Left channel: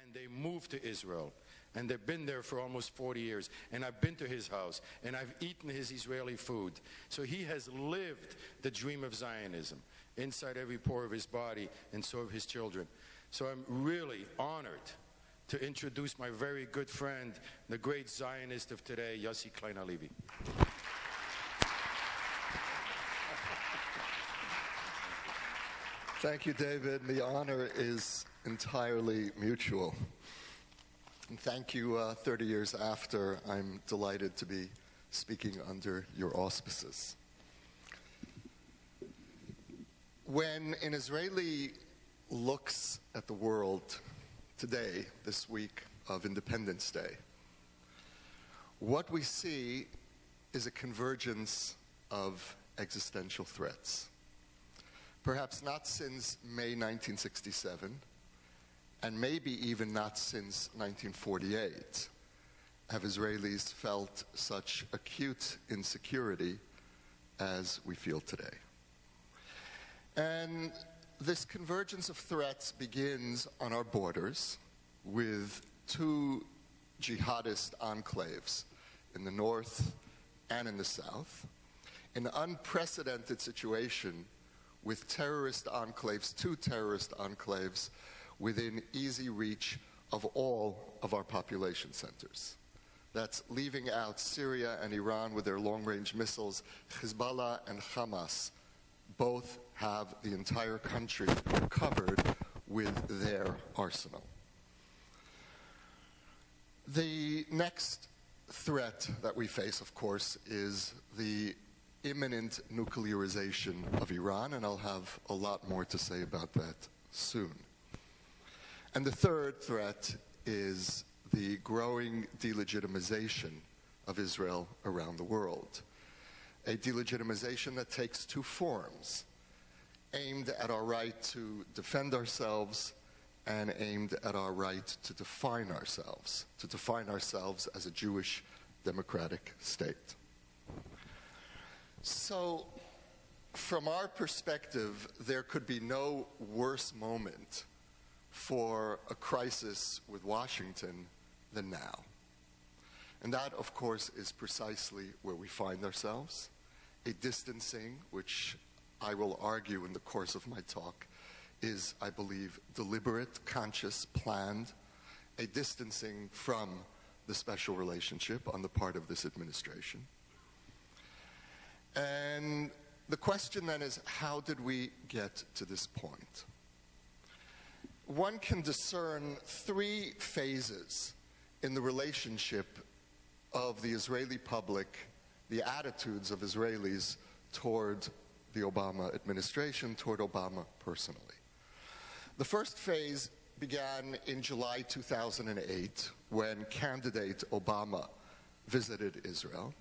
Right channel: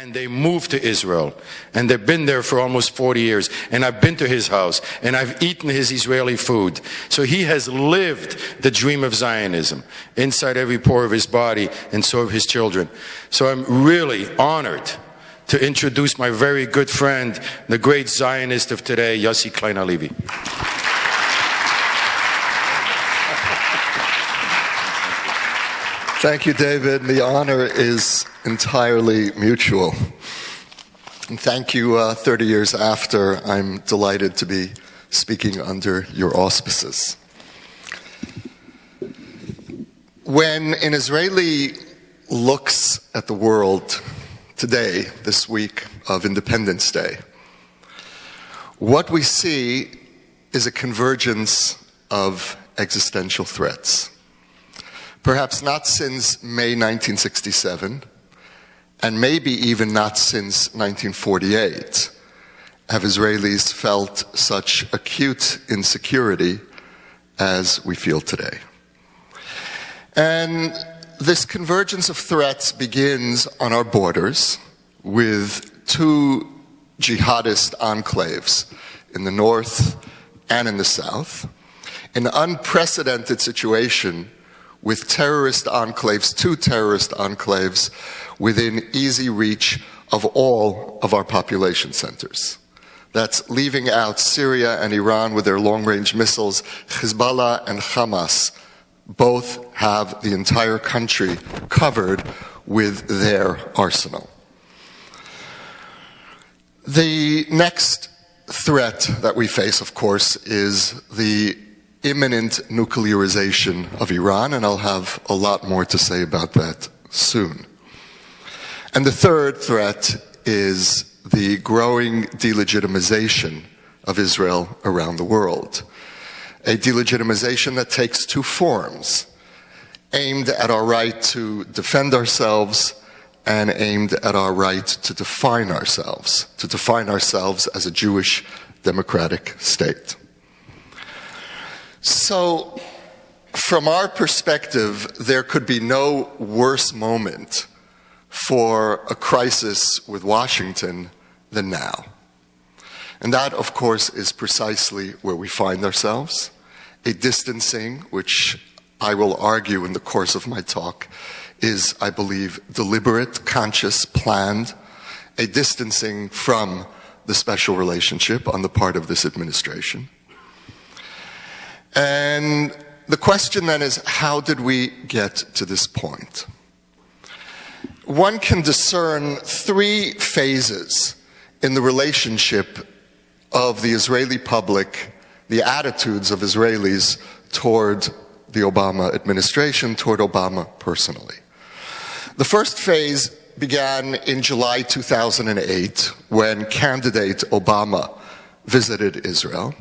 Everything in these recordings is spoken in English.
and they moved to Israel, and they've been there for almost 40 years, and I've been to his house, and I've eaten his Israeli food. So he has lived the dream of Zionism inside every pore of his body, and so have his children. So I'm really honored to introduce my very good friend, the great Zionist of today, Yossi Klein Halevi. Thank you, David. The honor is entirely mutual. And thank you 30 years after. I'm delighted to be speaking under your auspices. When an Israeli looks at the world today, this week of Independence Day, what we see is a convergence of existential threats. Perhaps not since May 1967, and maybe even not since 1948, have Israelis felt such acute insecurity as we feel today. And this convergence of threats begins on our borders with two jihadist enclaves in the north and in the south, an unprecedented situation with terrorist enclaves, two terrorist enclaves, within easy reach of all of our population centers. That's leaving out Syria and Iran with their long-range missiles. Hezbollah and Hamas both have the entire country covered with their arsenal. The next threat that we face, of course, is the imminent nuclearization of Iran, and I'll have a lot more to say about that soon. And the third threat is the growing delegitimization of Israel around the world. A delegitimization that takes two forms, aimed at our right to defend ourselves and aimed at our right to define ourselves as a Jewish democratic state. So, from our perspective, there could be no worse moment for a crisis with Washington than now. And that, of course, is precisely where we find ourselves, a distancing which I will argue in the course of my talk is, I believe, deliberate, conscious, planned, a distancing from the special relationship on the part of this administration. And the question then is, how did we get to this point? One can discern three phases in the relationship of the Israeli public, the attitudes of Israelis toward the Obama administration, toward Obama personally. The first phase began in July 2008 when candidate Obama visited Israel.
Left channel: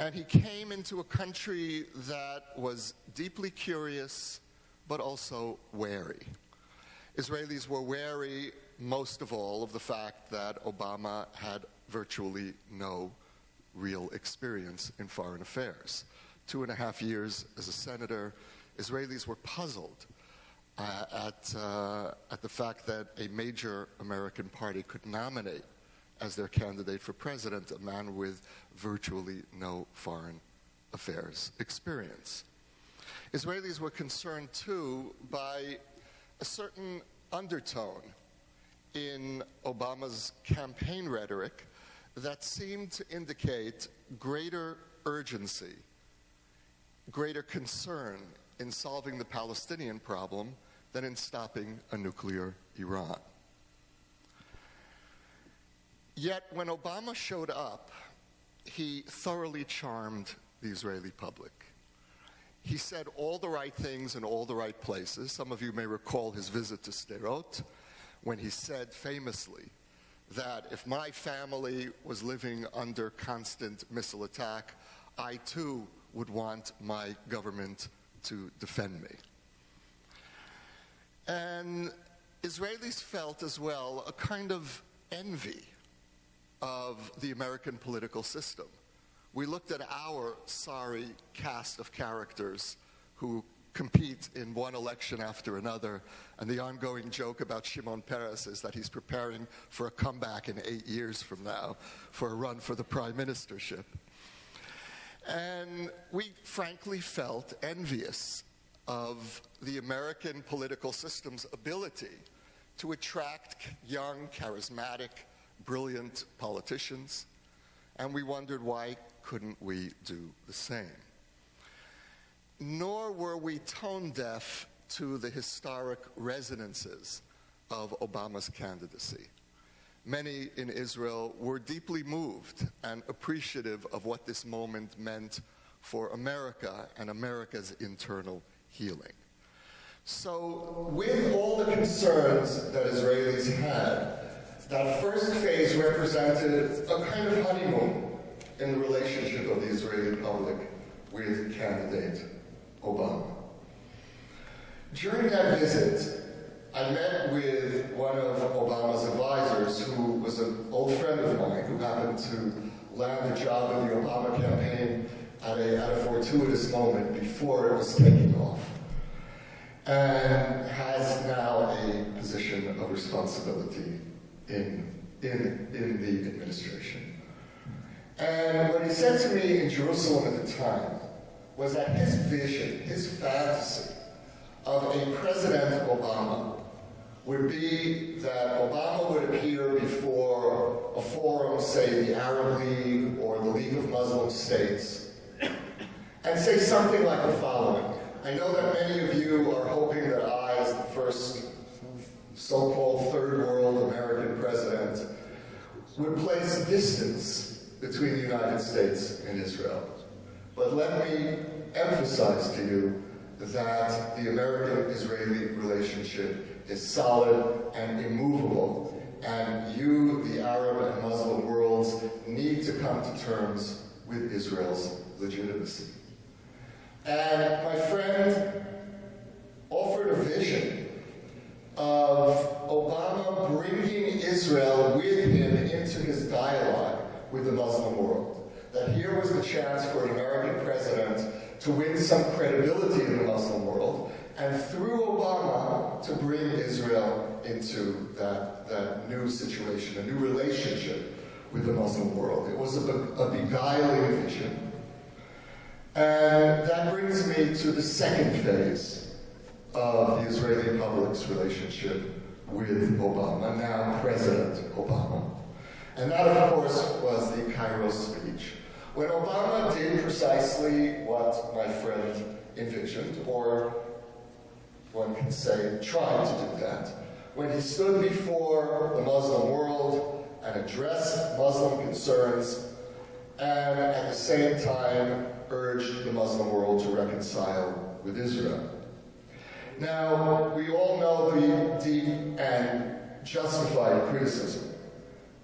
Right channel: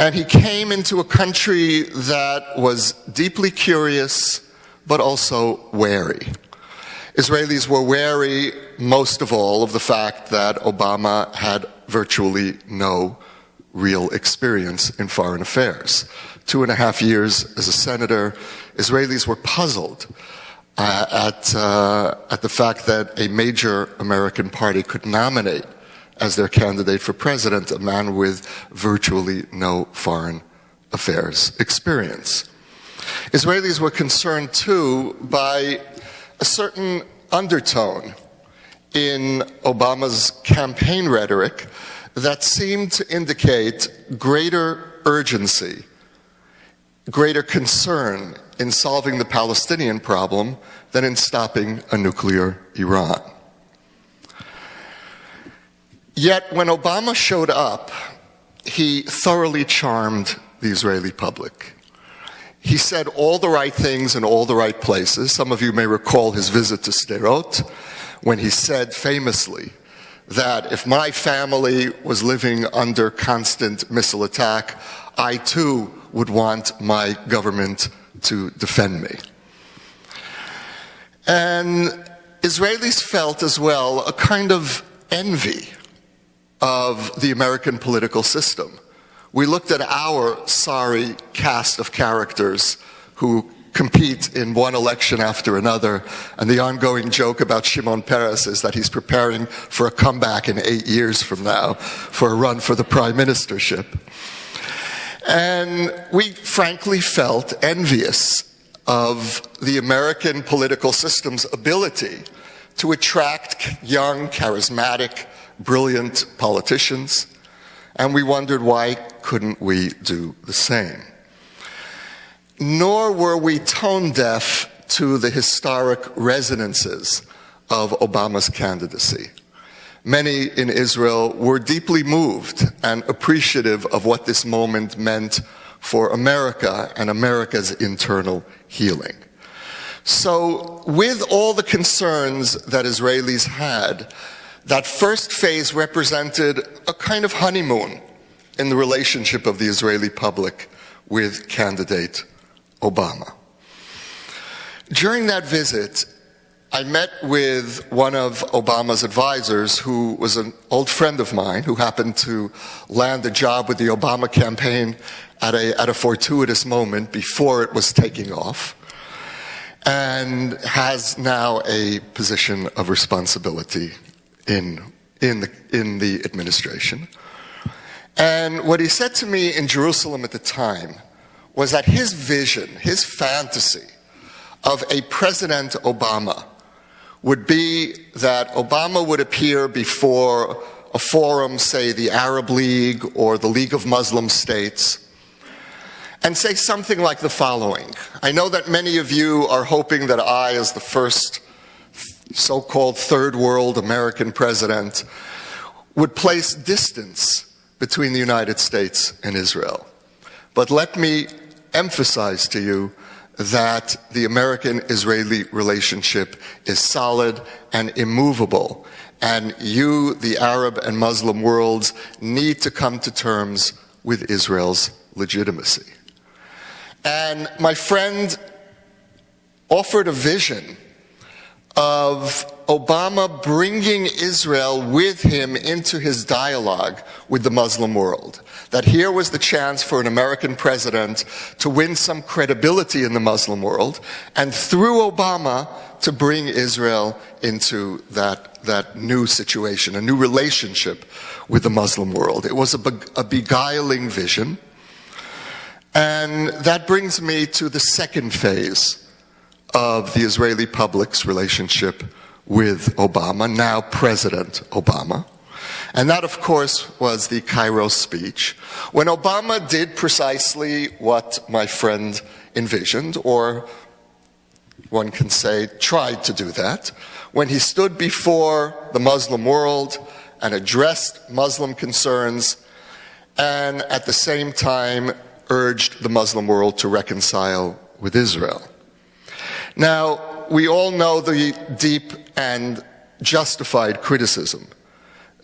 And he came into a country that was deeply curious, but also wary. Israelis were wary, most of all, of the fact that Obama had virtually no real experience in foreign affairs. 2.5 years as a senator, Israelis were puzzled at the fact that a major American party could nominate as their candidate for president a man with virtually no foreign affairs experience. Israelis were concerned, too, by a certain undertone in Obama's campaign rhetoric that seemed to indicate greater urgency, greater concern in solving the Palestinian problem than in stopping a nuclear Iran. Yet when Obama showed up, he thoroughly charmed the Israeli public. He said all the right things in all the right places. Some of you may recall his visit to Sderot, when he said famously that if my family was living under constant missile attack, I too would want my government to defend me. And Israelis felt as well a kind of envy of the American political system. We looked at our sorry cast of characters who compete in one election after another, and the ongoing joke about Shimon Peres is that he's preparing for a comeback in 8 years from now for a run for the prime ministership. And we frankly felt envious of the American political system's ability to attract young, charismatic, brilliant politicians, and we wondered why couldn't we do the same. Nor were we tone deaf to the historic resonances of Obama's candidacy. Many in Israel were deeply moved and appreciative of what this moment meant for America and America's internal healing. So, with all the concerns that Israelis had, that first phase represented a kind of honeymoon in the relationship of the Israeli public with candidate Obama. During that visit, I met with one of Obama's advisors, who was an old friend of mine, who happened to land a job with the Obama campaign at a fortuitous moment before it was taking off, and has now a position of responsibility in the administration. And what he said to me in Jerusalem at the time was that his vision, his fantasy of a President Obama would be that Obama would appear before a forum, say the Arab League or the League of Muslim States, and say something like the following. I know that many of you are hoping that I, as the first so-called third world American president, would place distance between the United States and Israel. But let me emphasize to you that the American-Israeli relationship is solid and immovable, and you, the Arab and Muslim worlds, need to come to terms with Israel's legitimacy. And my friend offered a vision of Obama bringing Israel with him into his dialogue with the Muslim world. That here was the chance for an American president to win some credibility in the Muslim world, and through Obama to bring Israel into that new situation, a new relationship with the Muslim world. It was a beguiling vision. And that brings me to the second phase of the Israeli public's relationship with Obama, now President Obama. And that, of course, was the Cairo speech, when Obama did precisely what my friend envisioned, or one can say tried to do that, when he stood before the Muslim world and addressed Muslim concerns, and at the same time urged the Muslim world to reconcile with Israel. Now, we all know the deep and justified criticism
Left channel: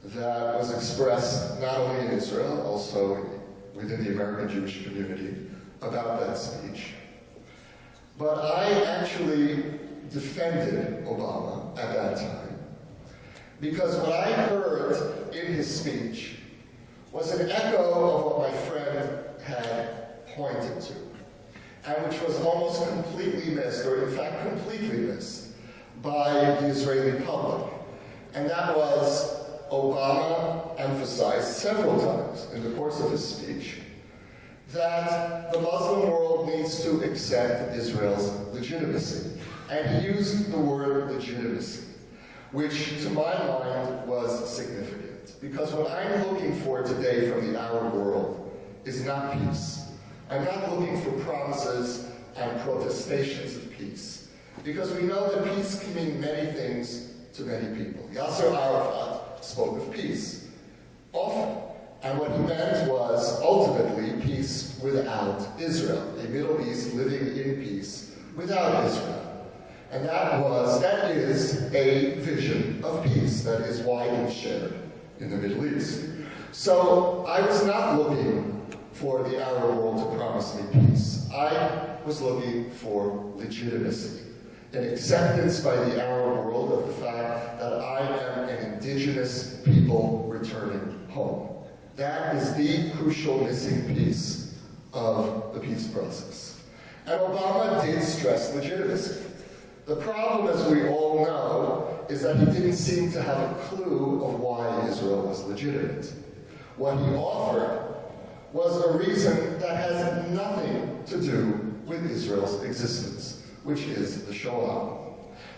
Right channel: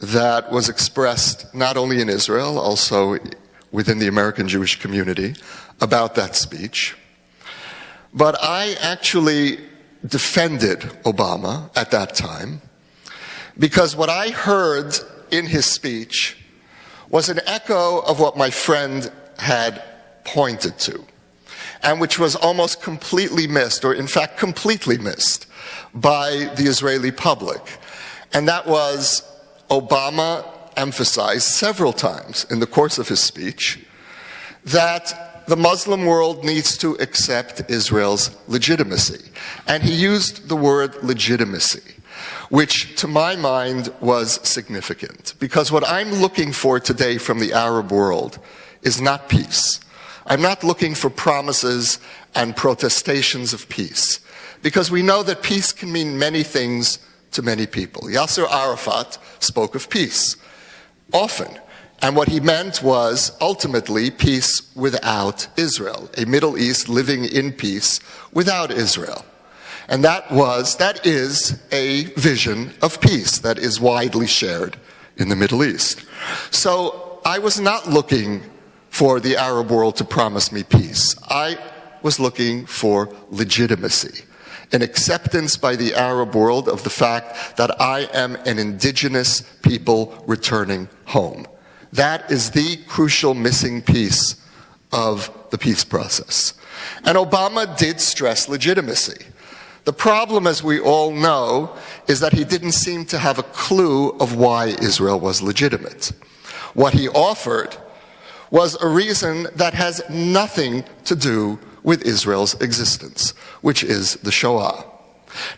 that was expressed not only in Israel, also within the American Jewish community about that speech. But I actually defended Obama at that time, because what I heard in his speech was an echo of what my friend had pointed to, and which was almost completely missed, or in fact completely missed, by the Israeli public. And that was, Obama emphasized several times in the course of his speech that the Muslim world needs to accept Israel's legitimacy. And he used the word legitimacy, which to my mind was significant, because what I'm looking for today from the Arab world is not peace. I'm not looking for promises and protestations of peace, because we know that peace can mean many things to many people. Yasser Arafat spoke of peace often, and what he meant was ultimately peace without Israel, a Middle East living in peace without Israel. And that is a vision of peace that is widely shared in the Middle East. So I was not looking for the Arab world to promise me peace. I was looking for legitimacy, an acceptance by the Arab world of the fact that I am an indigenous people returning home. That is the crucial missing piece of the peace process. And Obama did stress legitimacy. The problem, as we all know, is that he didn't seem to have a clue of why Israel was legitimate. What he offered was a reason that has nothing to do with Israel's existence, which is the Shoah.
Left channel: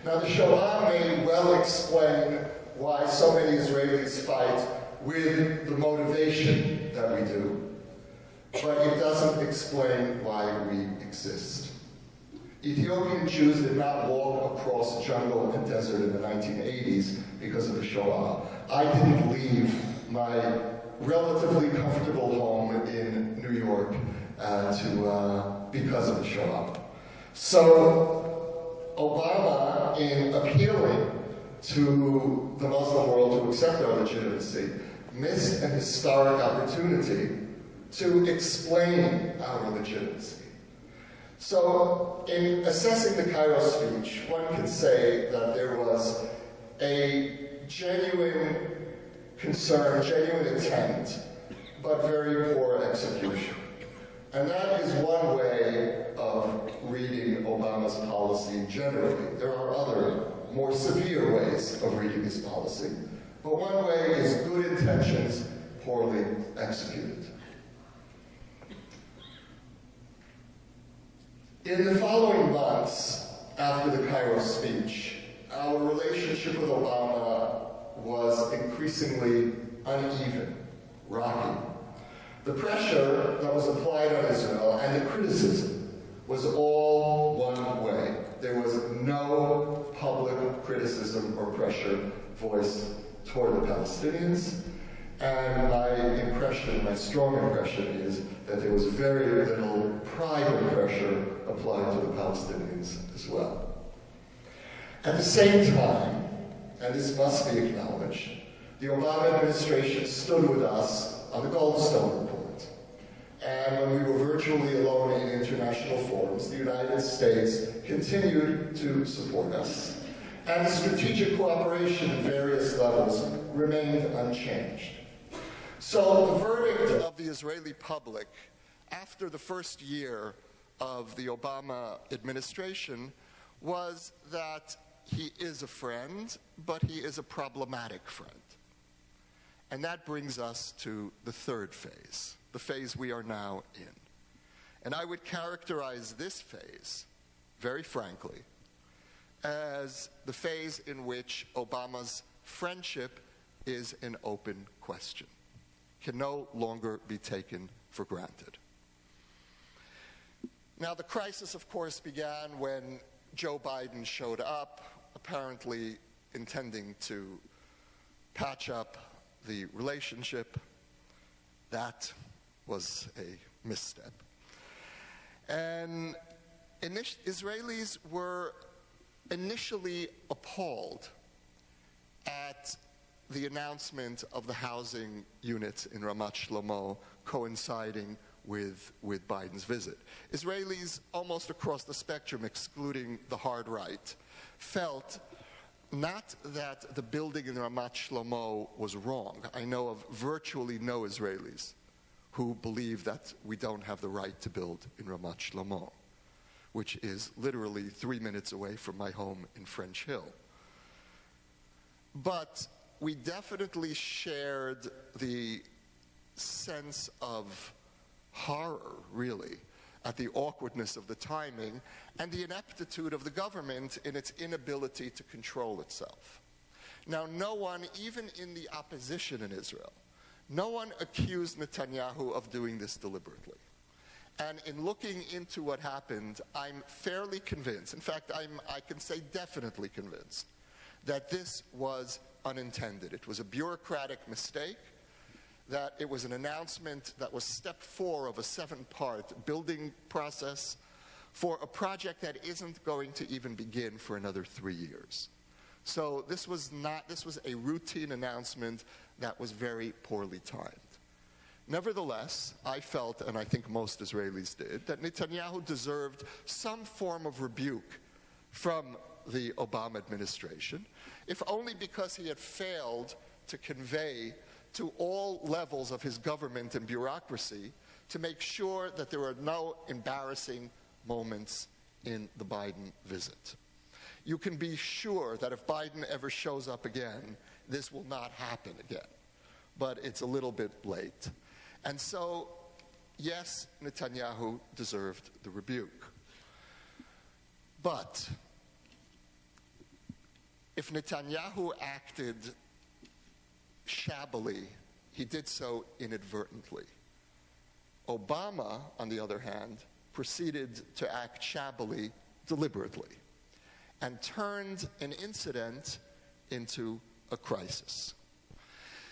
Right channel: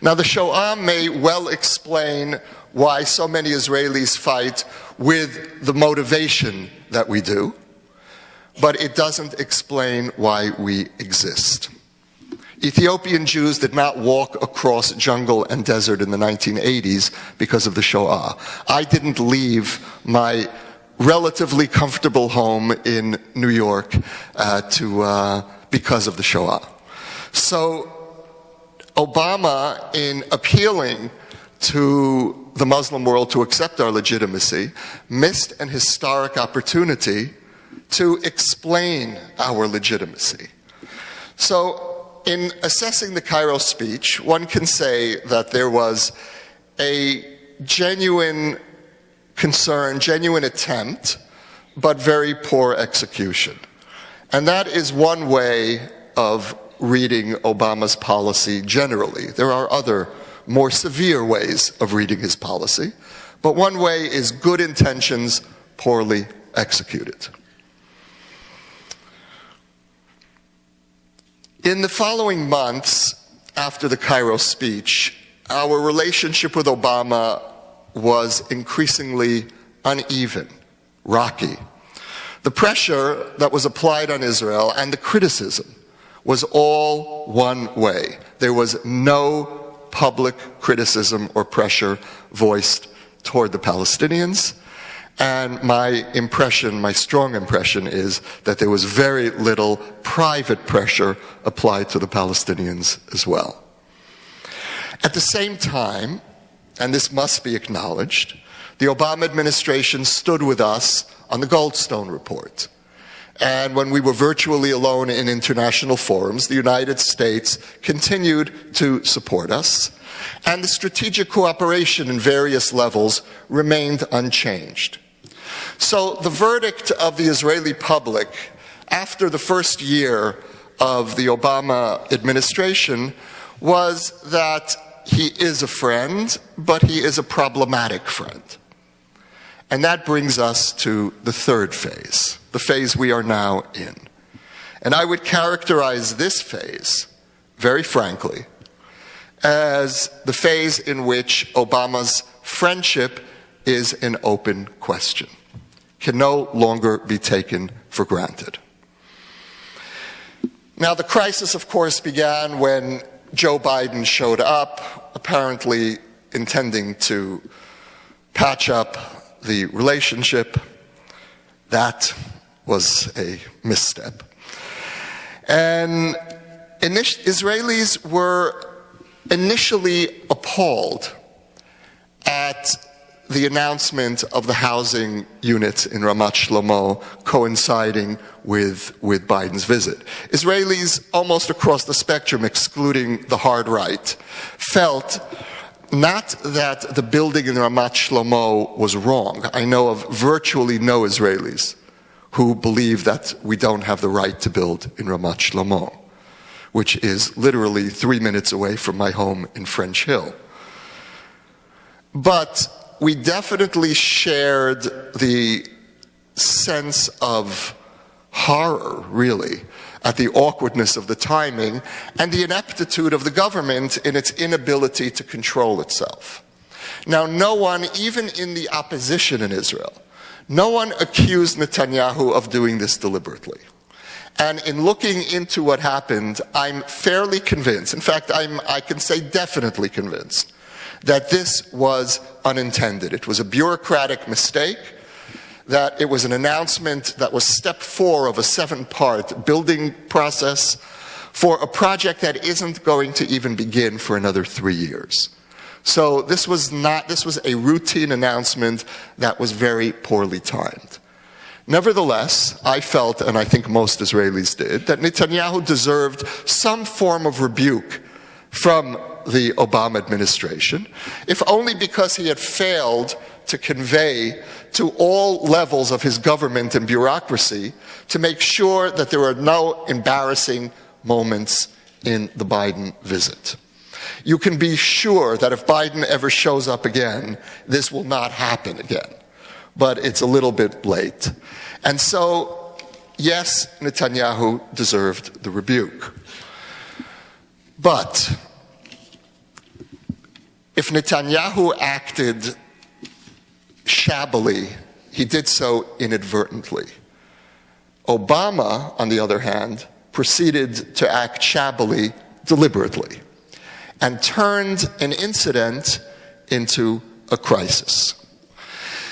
Now, the Shoah may well explain why so many Israelis fight with the motivation that we do, but it doesn't explain why we exist. Ethiopian Jews did not walk across jungle and desert in the 1980s because of the Shoah. I didn't leave my relatively comfortable home in New York because of the Shoah. So Obama, in appealing to the Muslim world to accept our legitimacy, missed an historic opportunity to explain our legitimacy. So in assessing the Cairo speech, one can say that there was a genuine concern, genuine attempt, but very poor execution. And that is one way of reading Obama's policy generally. There are other more severe ways of reading his policy, but one way is good intentions poorly executed. In the following months after the Cairo speech, our relationship with Obama was increasingly uneven, rocky. The pressure that was applied on Israel and the criticism was all one way. There was no public criticism or pressure voiced toward the Palestinians. And my impression, my strong impression, is that there was very little private pressure applied to the Palestinians as well. At the same time, and this must be acknowledged, the Obama administration stood with us on the Goldstone report. And when we were virtually alone in international forums, the United States continued to support us, and the strategic cooperation in various levels remained unchanged. So the verdict of the Israeli public after the first year of the Obama administration was that he is a friend, but he is a problematic friend. And that brings us to the third phase, the phase we are now in. And I would characterize this phase, very frankly, as the phase in which Obama's friendship is an open question, can no longer be taken for granted. Now, the crisis, of course, began when Joe Biden showed up, apparently intending to patch up the relationship. That was a misstep. And Israelis were initially appalled at the announcement of the housing units in Ramat Shlomo coinciding with Biden's visit. Israelis almost across the spectrum, excluding the hard right, felt not that the building in Ramat Shlomo was wrong. I know of virtually no Israelis who believe that we don't have the right to build in Ramat Shlomo, which is literally 3 minutes away from my home in French Hill. But we definitely shared the sense of horror, really, at the awkwardness of the timing and the ineptitude of the government in its inability to control itself. Now, no one, even in the opposition in Israel, no one accused Netanyahu of doing this deliberately. And in looking into what happened, I'm fairly convinced, in fact, I can say definitely convinced, that this was unintended. It was a bureaucratic mistake, that it was an announcement that was step 4 of a 7-part building process for a project that isn't going to even begin for another 3 years. So this was a routine announcement that was very poorly timed. Nevertheless, I felt, and I think most Israelis did, that Netanyahu deserved some form of rebuke from the Obama administration, if only because he had failed to convey to all levels of his government and bureaucracy to make sure that there were no embarrassing moments in the Biden visit. You can be sure that if Biden ever shows up again, this will not happen again. But it's a little bit late. And so, yes, Netanyahu deserved the rebuke. But if Netanyahu acted shabbily, he did so inadvertently. Obama, on the other hand, proceeded to act shabbily deliberately and turned an incident into a crisis.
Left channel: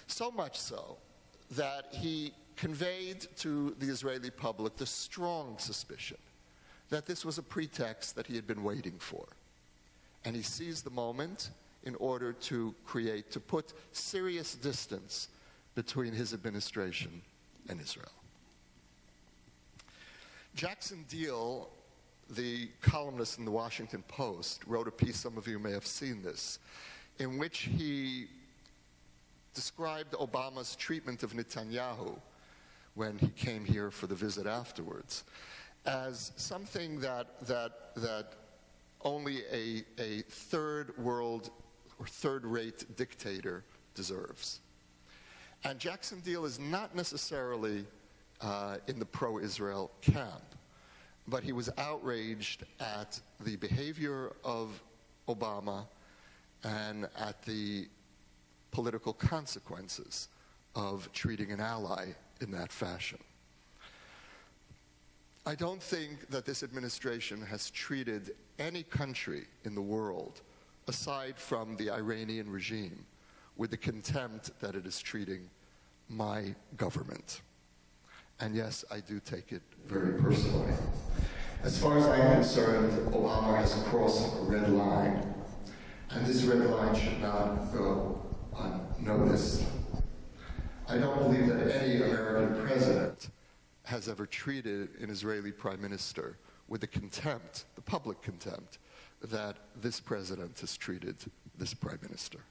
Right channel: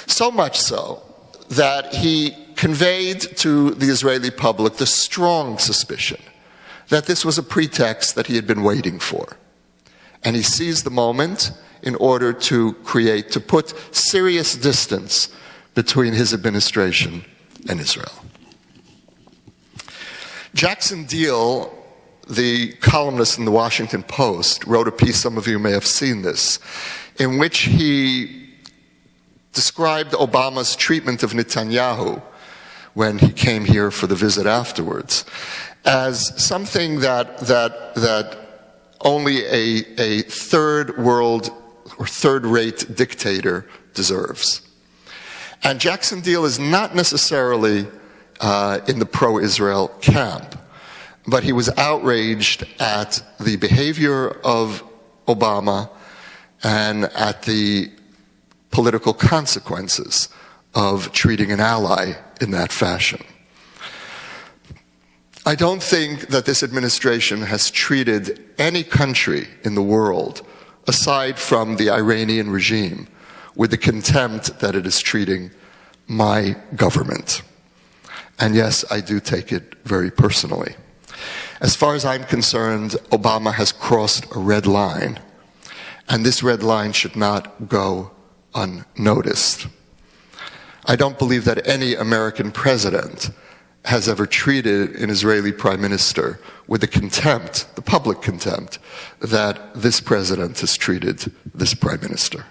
So much so that he conveyed to the Israeli public the strong suspicion that this was a pretext that he had been waiting for. And he seized the moment in order to put serious distance between his administration and Israel. Jackson Deal, the columnist in the Washington Post, wrote a piece, some of you may have seen this, in which he described Obama's treatment of Netanyahu when he came here for the visit afterwards as something that only a third world or third-rate dictator deserves. And Jackson Deal is not necessarily in the pro-Israel camp, but he was outraged at the behavior of Obama and at the political consequences of treating an ally in that fashion. I don't think that this administration has treated any country in the world, aside from the Iranian regime, with the contempt that it is treating my government. And yes, I do take it very personally. As far as I'm concerned, Obama has crossed a red line, and this red line should not go unnoticed. I don't believe that any American president has ever treated an Israeli prime minister with the contempt, the public contempt, that this president has treated this prime minister.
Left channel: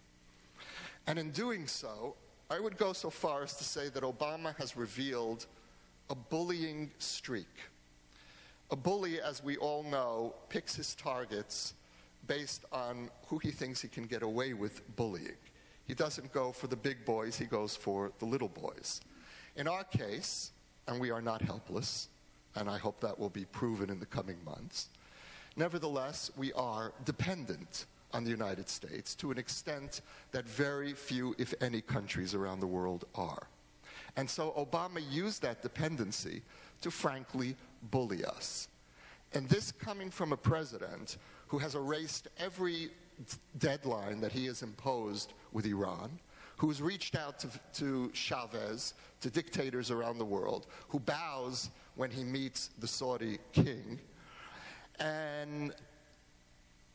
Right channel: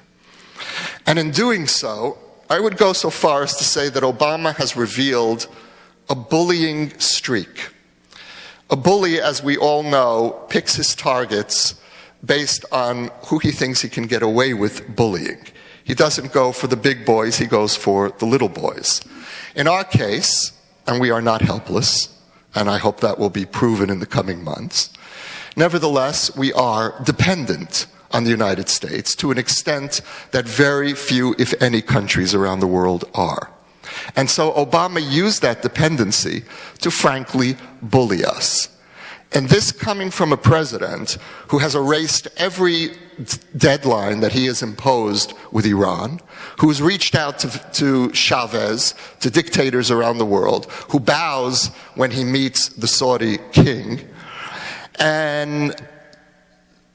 And in doing so, I would go so far as to say that Obama has revealed a bullying streak. A bully, as we all know, picks his targets based on who he thinks he can get away with bullying. He doesn't go for the big boys, he goes for the little boys. In our case, and we are not helpless, and I hope that will be proven in the coming months, nevertheless, we are dependent on the United States to an extent that very few, if any, countries around the world are. And so Obama used that dependency to frankly bully us. And this coming from a president who has erased every deadline that he has imposed with Iran, who's reached out to Chavez, to dictators around the world, who bows when he meets the Saudi king. And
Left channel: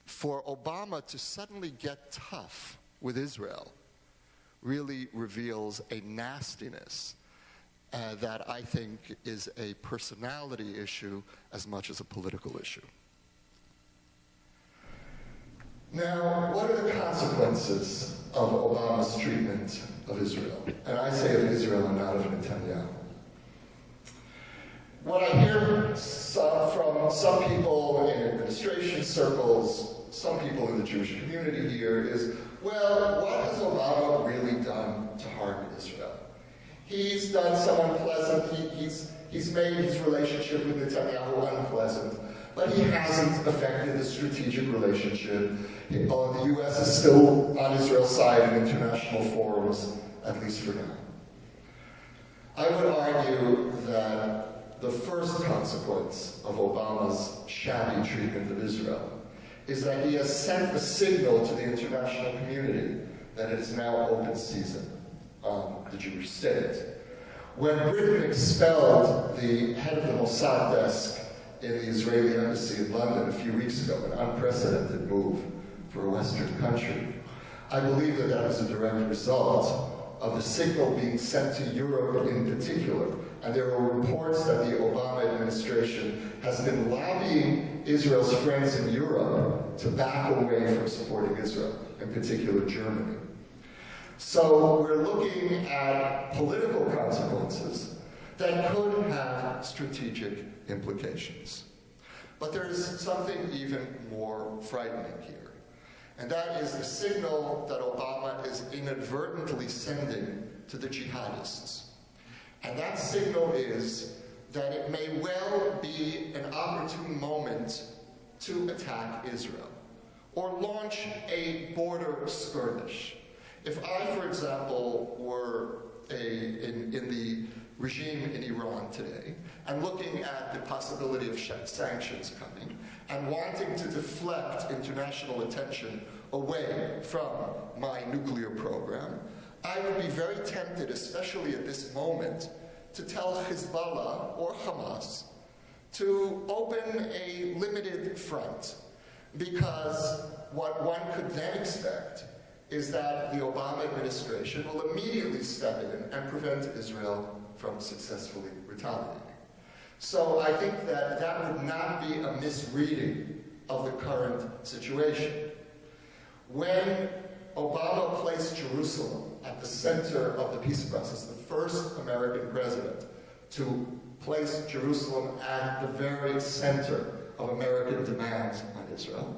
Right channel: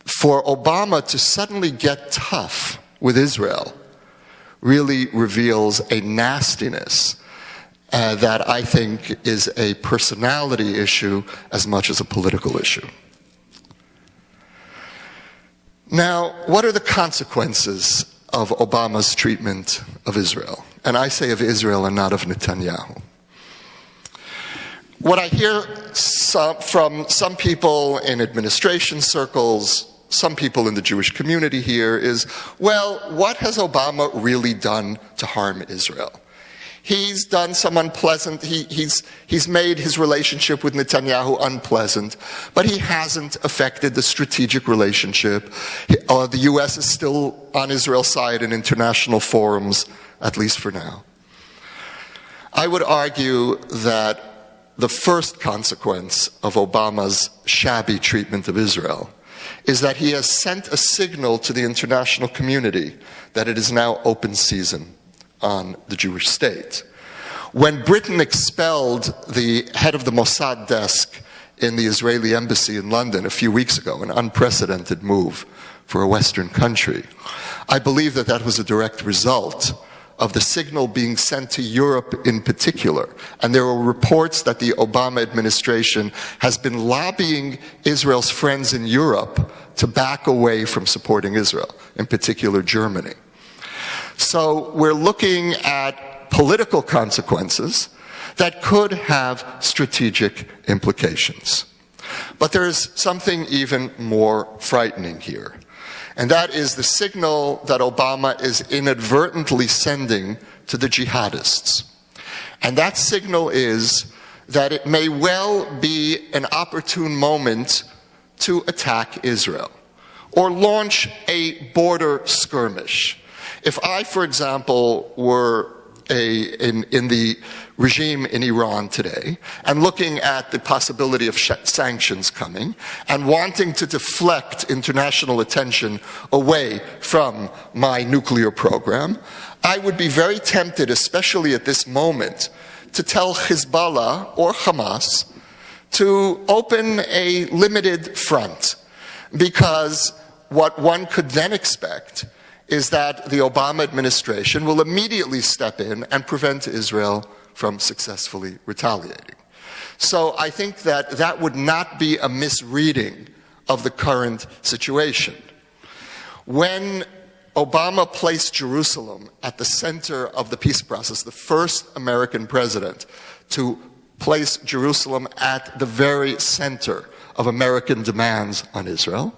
for Obama to suddenly get tough with Israel really reveals a nastiness that I think is a personality issue as much as a political issue. Now, what are the consequences of Obama's treatment of Israel? And I say of Israel and not of Netanyahu. What I hear from some people in administration circles, some people in the Jewish community here is, well, what has Obama really done to harm Israel? He's done some unpleasant, he's made his relationship with Netanyahu unpleasant, but he hasn't affected the strategic relationship. The U.S. is still on Israel's side in international forums, at least for now. I would argue that the first consequence of Obama's shabby treatment of Israel is that he has sent a signal to the international community that it is now open season on the Jewish state. When Britain expelled the head of the Mossad desk in the Israeli embassy in London a few weeks ago, an unprecedented move for a Western country, I believe that that was a direct result of the signal being sent to Europe in particular. And there are reports that the Obama administration has been lobbying Israel's friends in Europe to back away from supporting Israel, in particular Germany. So we're looking at political consequences that could have strategic implications. But there is something even more frightening here. And that is the signal that Obama is inadvertently sending to the jihadists. And that signal is that it may well be an opportune moment to attack Israel or launch a border skirmish. If I, for example, were in the regime in Iran today and looking at the possibility of sanctions coming and wanting to deflect international attention away from my nuclear program, I would be very tempted, especially at this moment, to tell Hezbollah or Hamas to open a limited front, because what one could then expect is that the Obama administration will immediately step in and prevent Israel from successfully retaliating. So I think that that would not be a misreading of the current situation. When Obama placed Jerusalem at the center of the peace process, the first American president to place Jerusalem at the very center of American demands on Israel,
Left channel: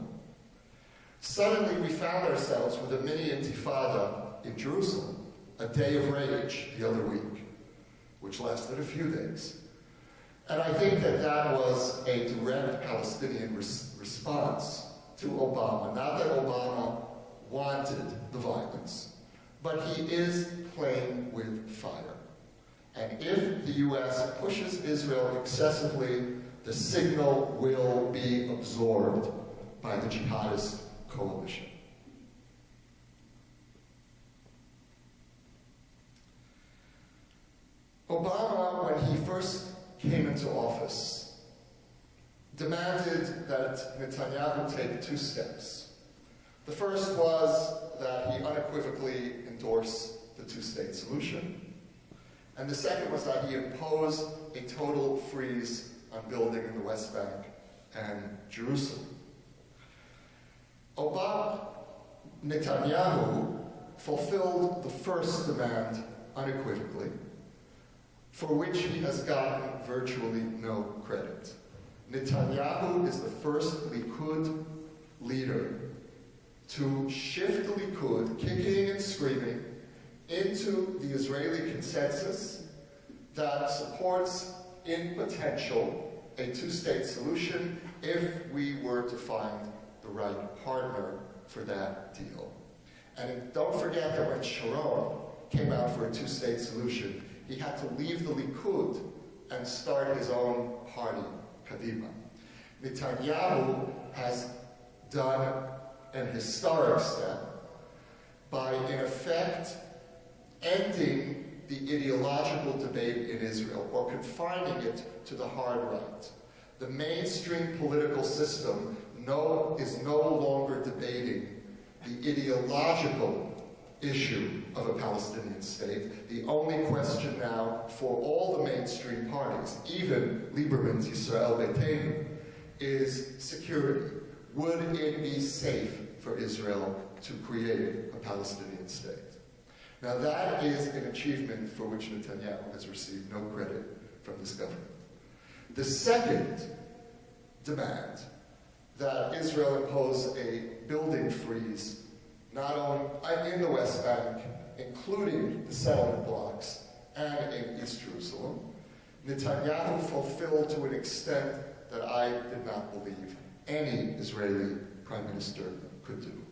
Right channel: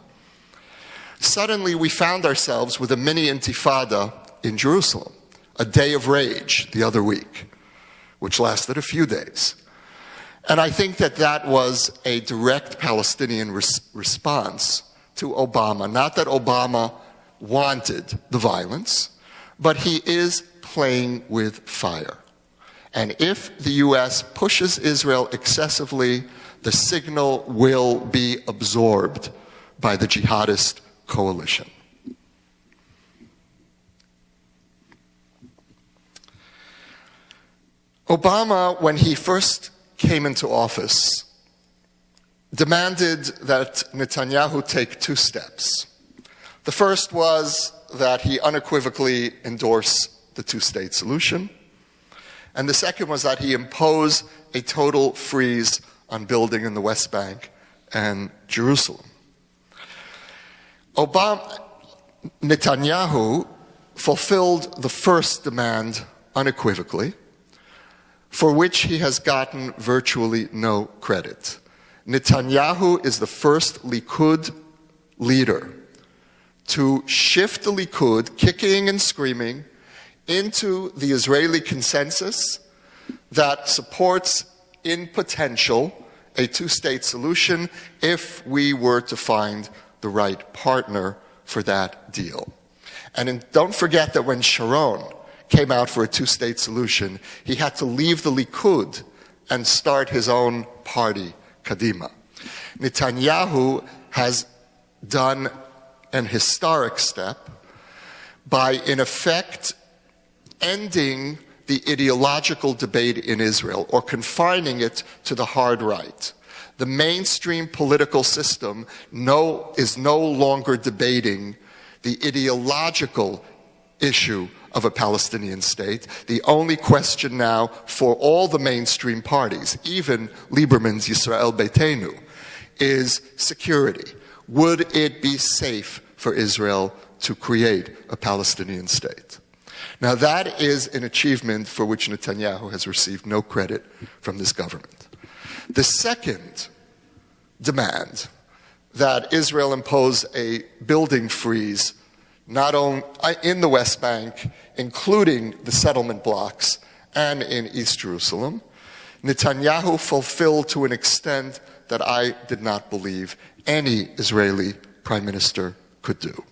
suddenly we found ourselves with a mini intifada in Jerusalem, a day of rage the other week, which lasted a few days. And I think that that was a direct Palestinian response to Obama. Not that Obama wanted the violence, but he is playing with fire. And if the US pushes Israel excessively, the signal will be absorbed by the jihadist coalition. Obama, when he first came into office, demanded that Netanyahu take two steps. The first was that he unequivocally endorse the two-state solution, and the second was that he impose a total freeze on building in the West Bank and Jerusalem. Netanyahu fulfilled the first demand unequivocally, for which he has gotten virtually no credit. Netanyahu is the first Likud leader to shift the Likud, kicking and screaming, into the Israeli consensus that supports, in potential, a two-state solution if we were to find the right partner for that deal. And don't forget that when Sharon came out for a two-state solution, he had to leave the Likud and start his own party, Kadima. Netanyahu has done an historic step by, in effect, ending the ideological debate in Israel, or confining it to the hard right. The mainstream political system is no longer debating the ideological issue of a Palestinian state. The only question now for all the mainstream parties, even Lieberman's Yisrael Beitenu, is security. Would it be safe for Israel to create a Palestinian state? Now that is an achievement for which Netanyahu has received no credit from this government. The second demand, that Israel impose a building freeze not only in the West Bank, including the settlement blocks, and in East Jerusalem, Netanyahu fulfilled to an extent that I did not believe any Israeli prime minister could do.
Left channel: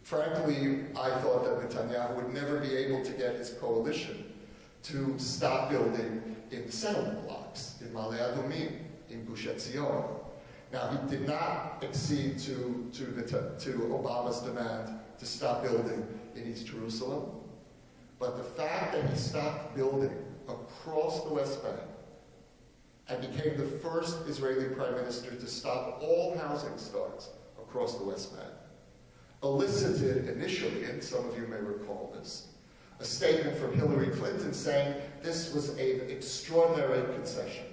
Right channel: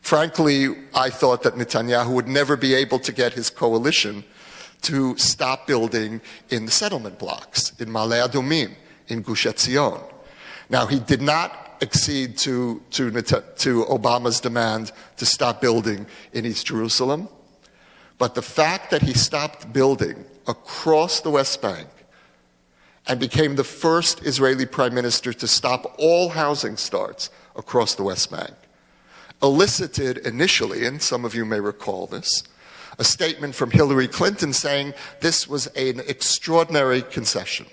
Frankly, I thought that Netanyahu would never be able to get his coalition to stop building in the settlement blocks, in Ma'ale Adumim, in Gush Etzion. Now, he did not accede to Obama's demand to stop building in East Jerusalem, but the fact that he stopped building across the West Bank and became the first Israeli prime minister to stop all housing starts across the West Bank elicited initially, and some of you may recall this, a statement from Hillary Clinton saying this was an extraordinary concession.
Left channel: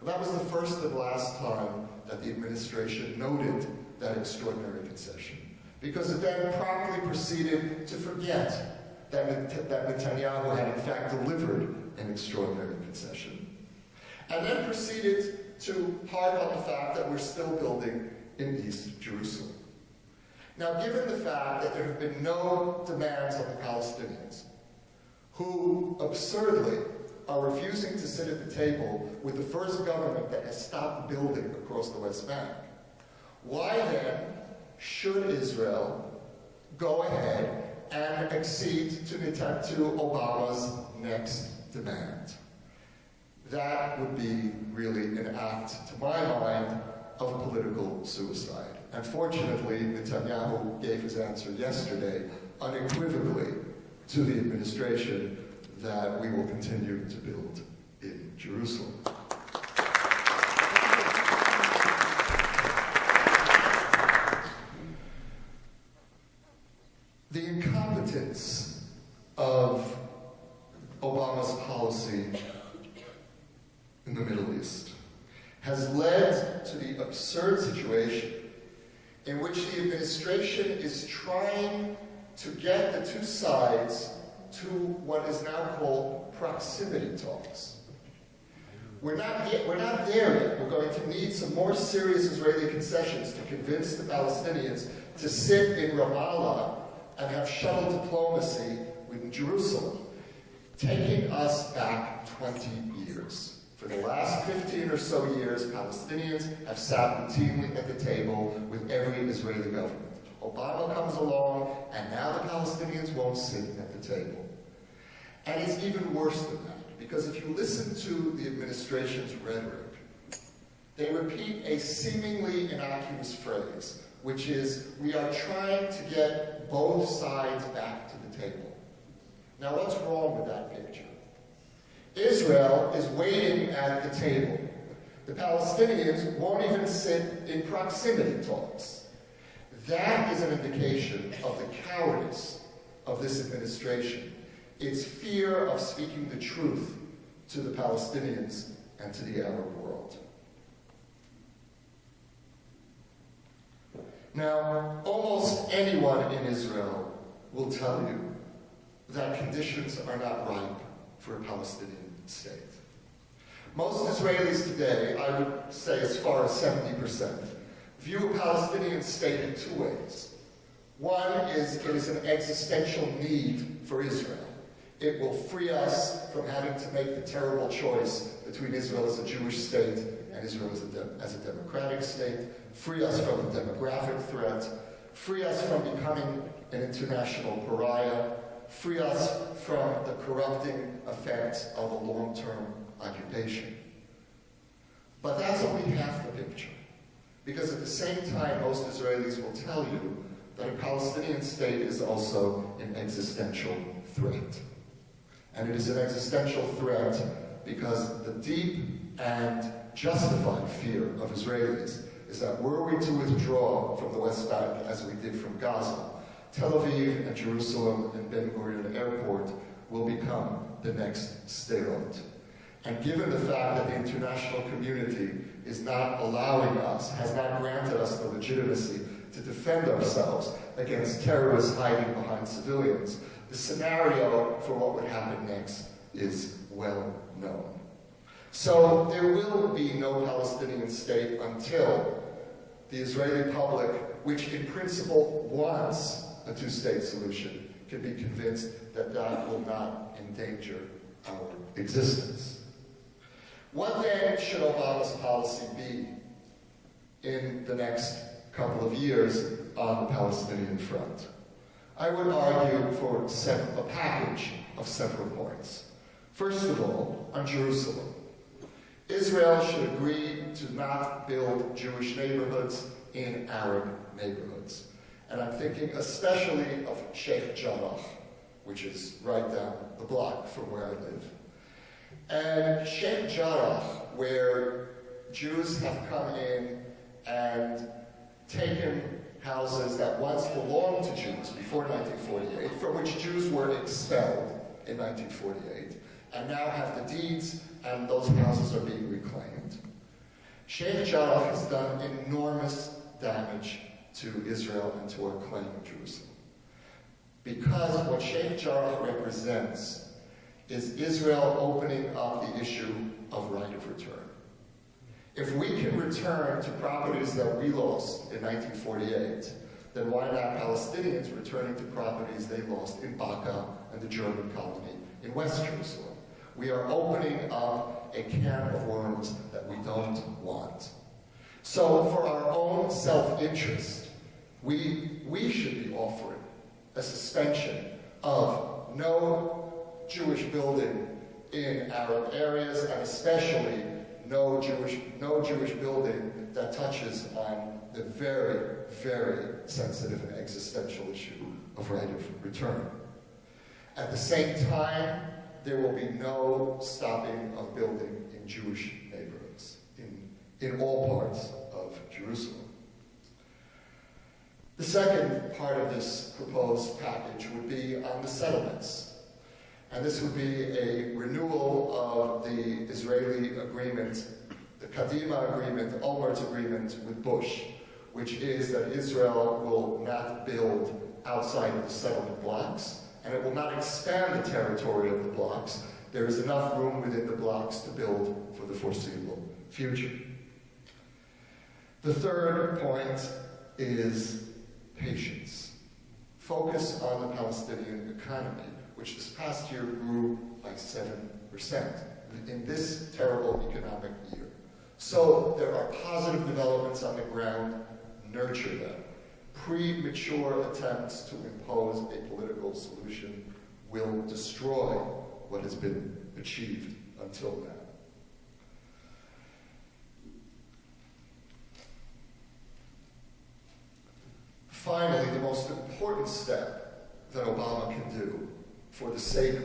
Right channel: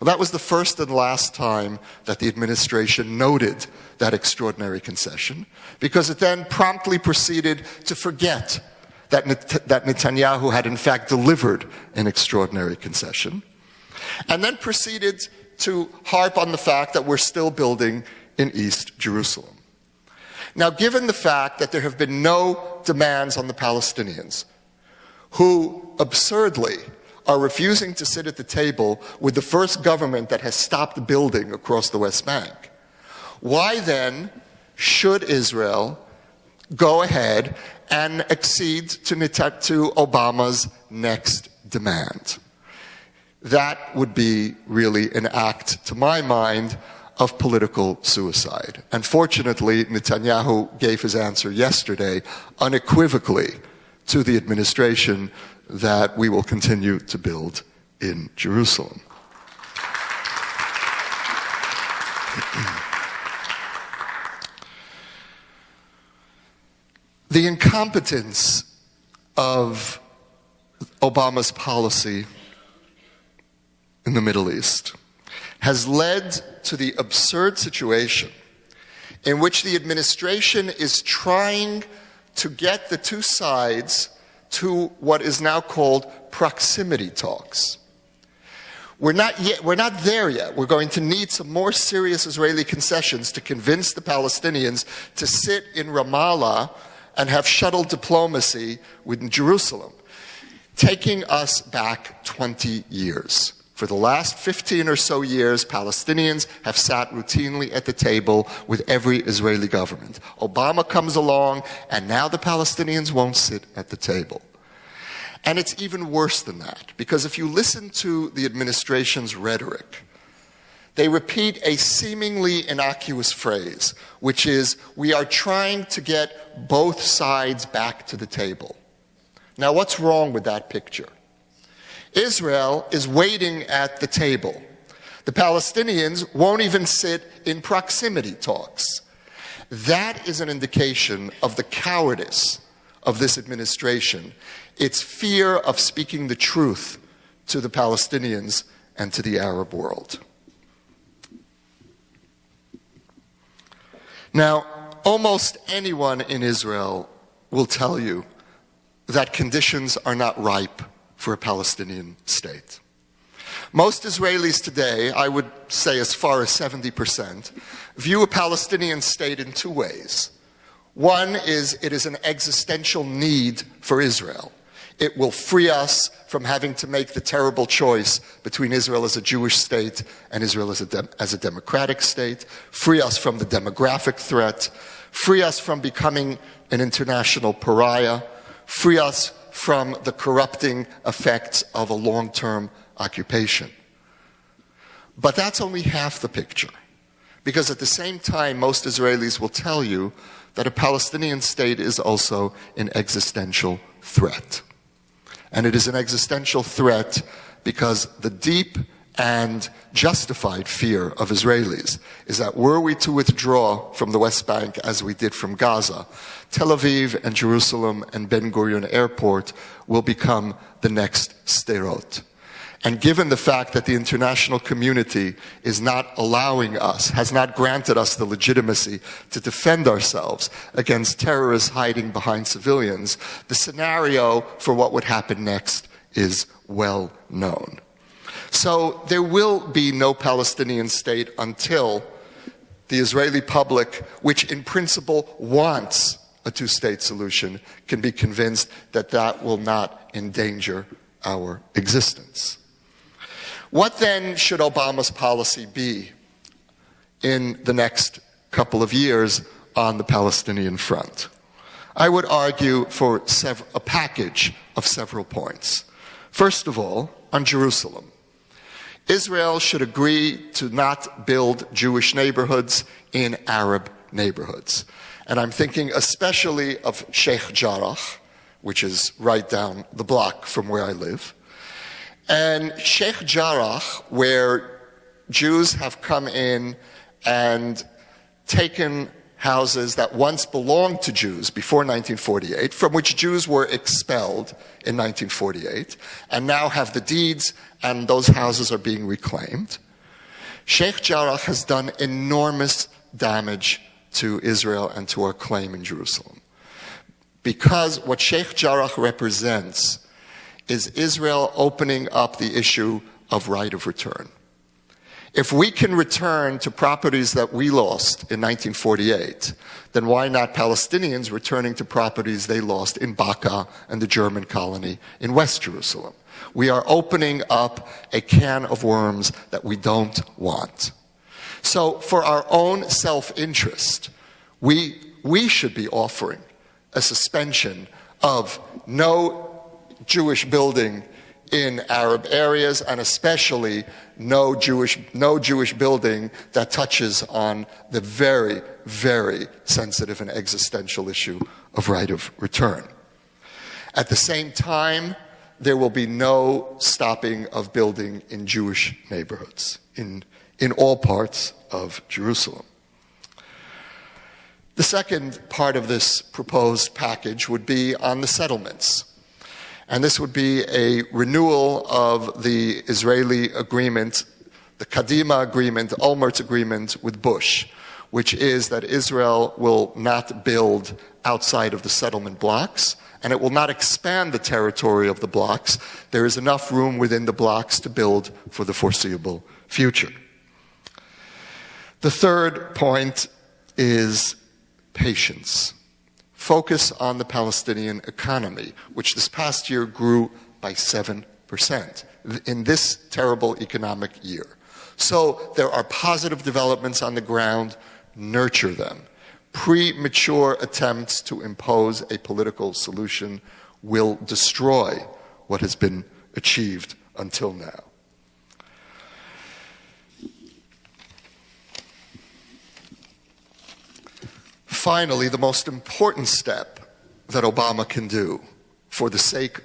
Well, that was the first and last time that the administration noted that extraordinary concession, because it then promptly proceeded to forget that Netanyahu had in fact delivered an extraordinary concession, and then proceeded to harp on the fact that we're still building in East Jerusalem. Now, given the fact that there have been no demands on the Palestinians, who absurdly are refusing to sit at the table with the first government that has stopped building across the West Bank, why then should Israel go ahead and accede to Obama's next demand? That would be really an act, to my mind, of political suicide. Unfortunately, Netanyahu gave his answer yesterday unequivocally to the administration that we will continue to build in Jerusalem. The incompetence of Obama's policy in the Middle East has led to the absurd situation in which the administration is trying to get the two sides to what is now called proximity talks. We're not there yet. We're going to need some more serious Israeli concessions to convince the Palestinians to sit in Ramallah and have shuttle diplomacy with Jerusalem, taking us back 20 years. For the last 15 or so years, Palestinians have sat routinely at the table with every Israeli government. Obama comes along, and now the Palestinians won't sit at the table. And it's even worse than that, because if you listen to the administration's rhetoric, they repeat a seemingly innocuous phrase, which is, we are trying to get both sides back to the table. Now, what's wrong with that picture? Israel is waiting at the table. The Palestinians won't even sit in proximity talks. That is an indication of the cowardice of this administration. It's fear of speaking the truth to the Palestinians and to the Arab world. Now, almost anyone in Israel will tell you that conditions are not ripe for a Palestinian state. Most Israelis today, I would say as far as 70%, view a Palestinian state in two ways. One is it is an existential need for Israel. It will free us from having to make the terrible choice between Israel as a Jewish state and Israel as a democratic state, free us from the demographic threat, free us from becoming an international pariah, free us from the corrupting effects of a long-term occupation. But that's only half the picture, because at the same time, most Israelis will tell you that a Palestinian state is also an existential threat. And it is an existential threat because the deep and justified fear of Israelis is that were we to withdraw from the West Bank as we did from Gaza, Tel Aviv and Jerusalem and Ben Gurion Airport will become the next Sderot. And given the fact that the international community is not allowing us, has not granted us the legitimacy to defend ourselves against terrorists hiding behind civilians, the scenario for what would happen next is well known. So there will be no Palestinian state until the Israeli public, which in principle wants a two-state solution, can be convinced that that will not endanger our existence. What then should Obama's policy be in the next couple of years on the Palestinian front? I would argue for a package of several points. First of all, on Jerusalem. Israel should agree to not build Jewish neighborhoods in Arab neighborhoods. And I'm thinking especially of Sheikh Jarrah, which is right down the block from where I live. And Sheikh Jarrah, where Jews have come in and taken houses that once belonged to Jews before 1948, from which Jews were expelled in 1948, and now have the deeds, and those houses are being reclaimed. Sheikh Jarrah has done enormous damage to Israel and to our claim in Jerusalem. Because what Sheikh Jarrah represents is Israel opening up the issue of right of return. If we can return to properties that we lost in 1948, then why not Palestinians returning to properties they lost in Baka and the German colony in West Jerusalem? We are opening up a can of worms that we don't want. So for our own self-interest, we should be offering a suspension of no Jewish building in Arab areas, and especially no Jewish building that touches on the very, very sensitive and existential issue of right of return. At the same time, there will be no stopping of building in Jewish neighborhoods in all parts of Jerusalem. The second part of this proposed package would be on the settlements. And this would be a renewal of the Israeli agreement, the Kadima agreement, Olmert's agreement with Bush, which is that Israel will not build outside of the settlement blocks, and it will not expand the territory of the blocks. There is enough room within the blocks to build for the foreseeable future. The third point is patience. Focus on the Palestinian economy, which this past year grew by 7% in this terrible economic year. So there are positive developments on the ground. Nurture them. Premature attempts to impose a political solution will destroy what has been achieved until now. Finally, the most important step that Obama can do for the sake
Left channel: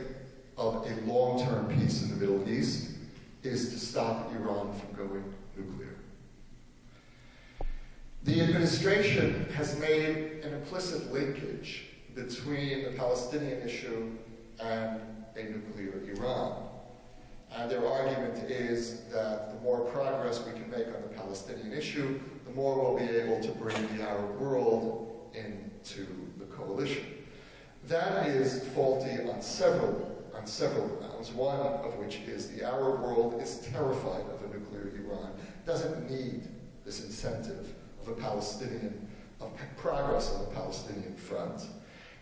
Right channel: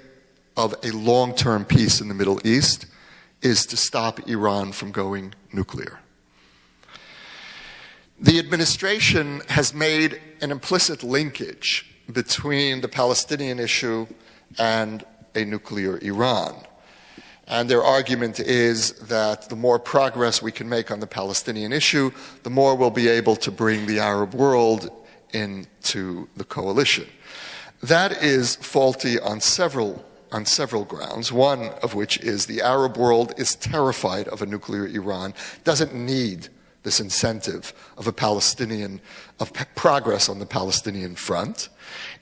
of a long-term peace in the Middle East is to stop Iran from going nuclear. The administration has made an implicit linkage between the Palestinian issue and a nuclear Iran. And their argument is that the more progress we can make on the Palestinian issue, the more we'll be able to bring the Arab world into the coalition. That is faulty on several grounds, one of which is the Arab world is terrified of a nuclear Iran, doesn't need this incentive of progress on the Palestinian front.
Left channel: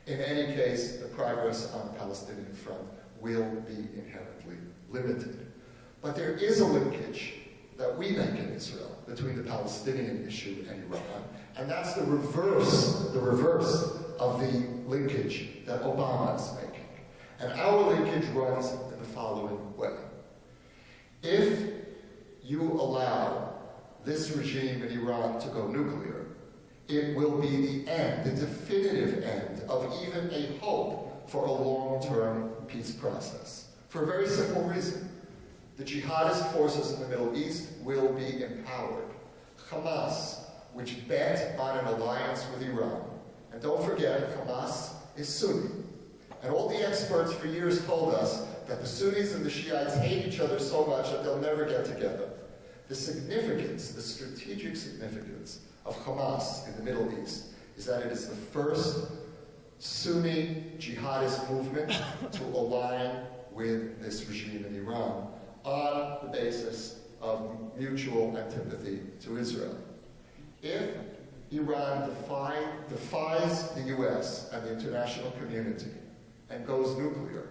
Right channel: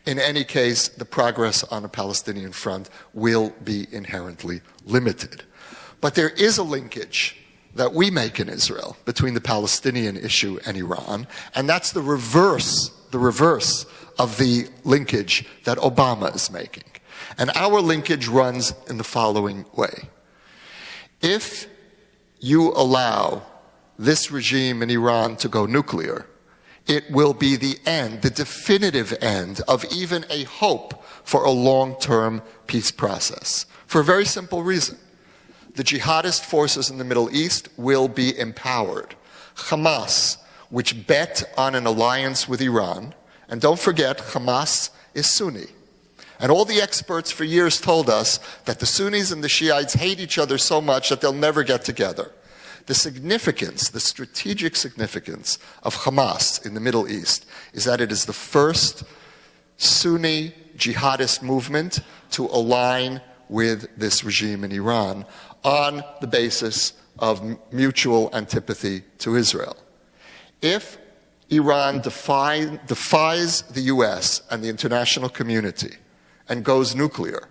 In any case, the progress on the Palestinian front will be inherently limited. But there is a linkage that we make in Israel between the Palestinian issue and Iran, and that's the reverse of the linkage that Obama is making. And our linkage runs in the following way. If you allow this regime in Iran to go nuclear, it will be the end, the definitive end of even a hope for a long-term peace process. For a very simple reason. The jihadist forces in the Middle East will be empowered. Hamas, which bet on an alliance with Iran, and don't forget, Hamas is Sunni. And all the experts for years told us that the Sunnis and the Shiites hate each other so much that they'll never get together. The significance, the strategic significance of Hamas in the Middle East is that it is the first Sunni jihadist movement to align with this regime in Iran on the basis of mutual antipathy to Israel. If Iran defies the US and the international community and goes nuclear,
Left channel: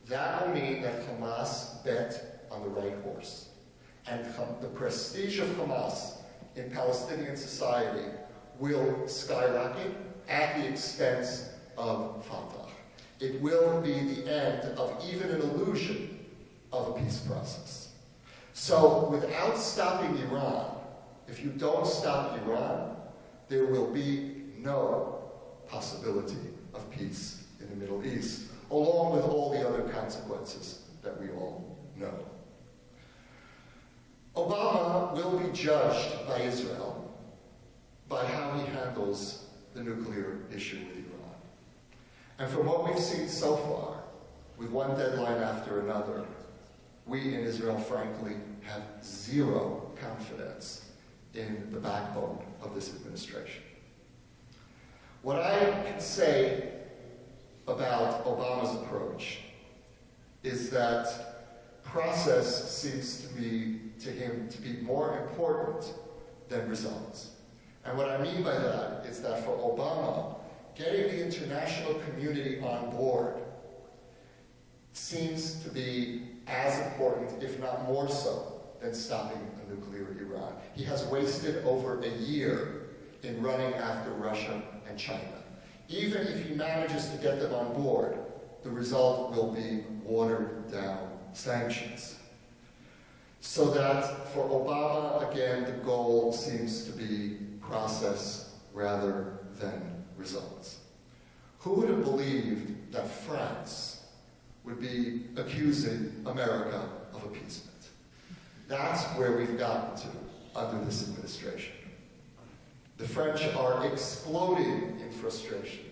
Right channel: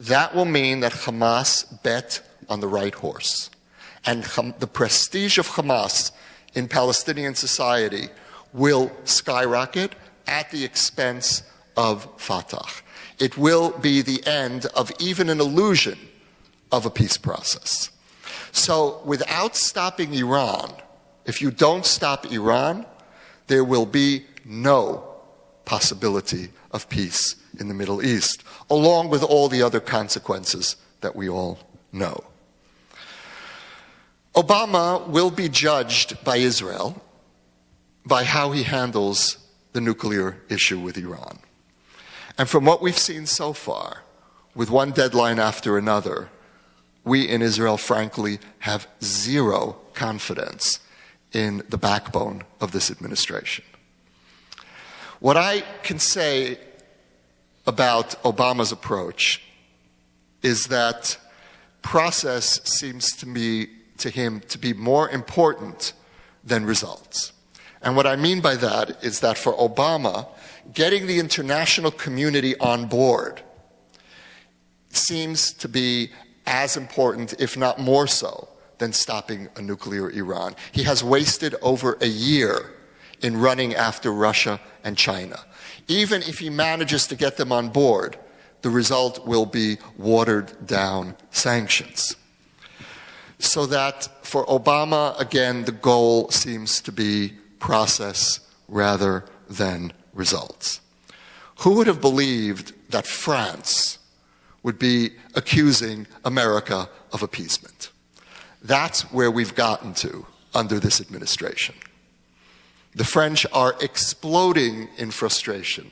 that will mean that Hamas bet on the right horse. And the prestige of Hamas in Palestinian society will skyrocket at the expense of Fatah. It will be the end of even an illusion of a peace process. So without stopping Iran, if you don't stop Iran, there will be no possibility of peace in the Middle East, along with all the other consequences that we all know. Obama will be judged by Israel by how he handles the nuclear issue with Iran. And from what we've seen so far, with one deadline after another, we in Israel, frankly, have zero confidence in the backbone of this administration. What I can say about Obama's approach is that process seems to me to him to be more important than results. And what I mean by that is that for Obama, getting the international community on board seems to be as important, if not more so, than stopping a nuclear Iran. He has wasted over a year in running after Russia and China. Even if he manages to get them on board, the result will be watered down sanctions. So that for Obama, again, the goal seems to be process rather than results. Who would have believed that France would be accusing America of appeasement? That's where we've gotten to under this administration. The French are exploding in frustration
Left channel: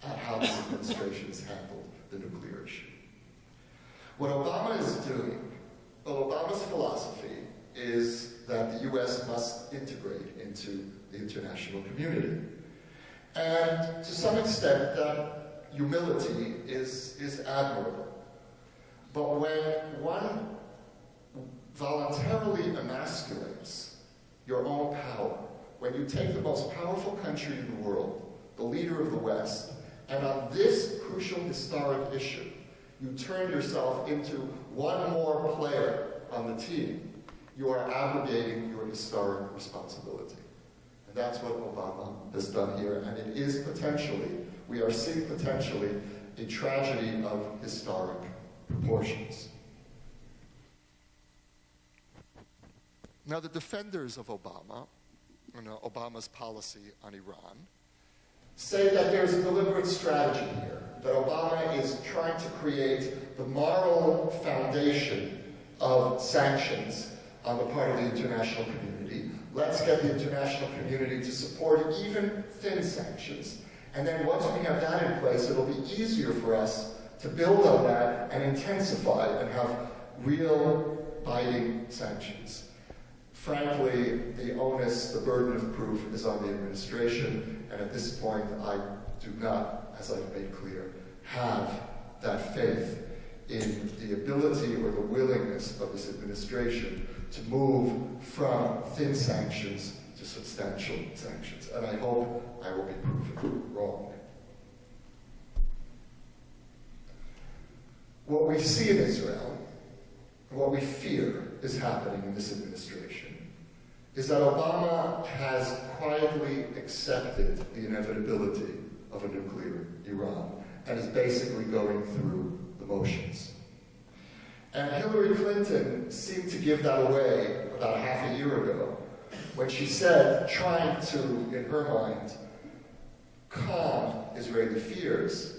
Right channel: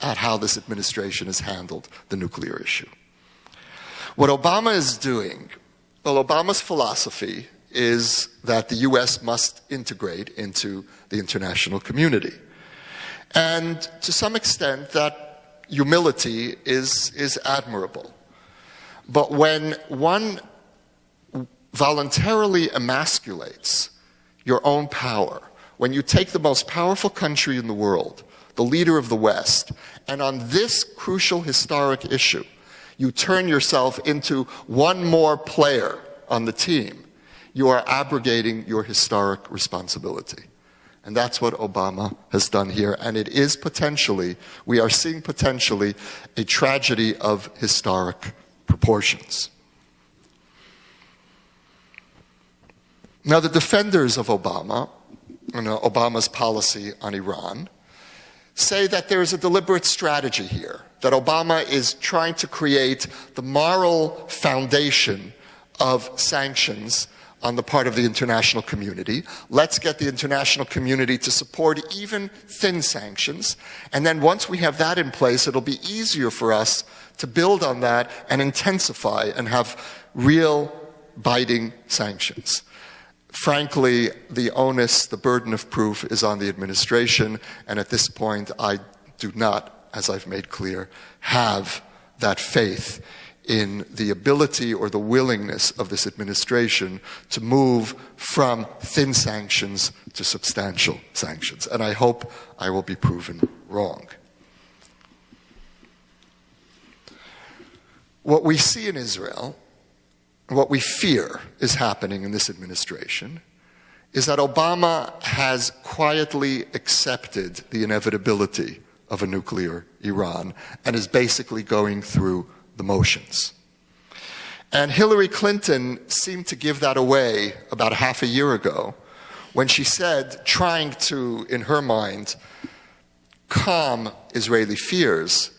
at how this administration has handled the nuclear issue. What Obama is doing, well, Obama's philosophy is that the US must integrate into the international community. And to some extent, that humility is admirable. But when one voluntarily emasculates your own power, when you take the most powerful country in the world, the leader of the West, and on this crucial historic issue, you turn yourself into one more player on the team, you are abrogating your historic responsibility. And that's what Obama has done here. And it is potentially, we are seeing potentially, a tragedy of historic proportions. Now, the defenders of Obama, Obama's policy on Iran, say that there is a deliberate strategy here, that Obama is trying to create the moral foundation of sanctions on the part of the international community. Let's get the international community to support even thin sanctions. And then once we have that in place, it'll be easier for us to build on that and intensify and have real biting sanctions. Frankly, the onus, the burden of proof is on the administration, and at this point, I do not, as I've made clear, have that faith in the ability or the willingness of this administration to move from thin sanctions to substantial sanctions. And I hope I will be proven wrong. What we see in Israel, what we fear is happening in this administration, is that Obama has quietly accepted the inevitability of a nuclear Iran and is basically going through the motions. And Hillary Clinton seemed to give that away about half a year ago when she said, trying to, in her mind, calm Israeli fears,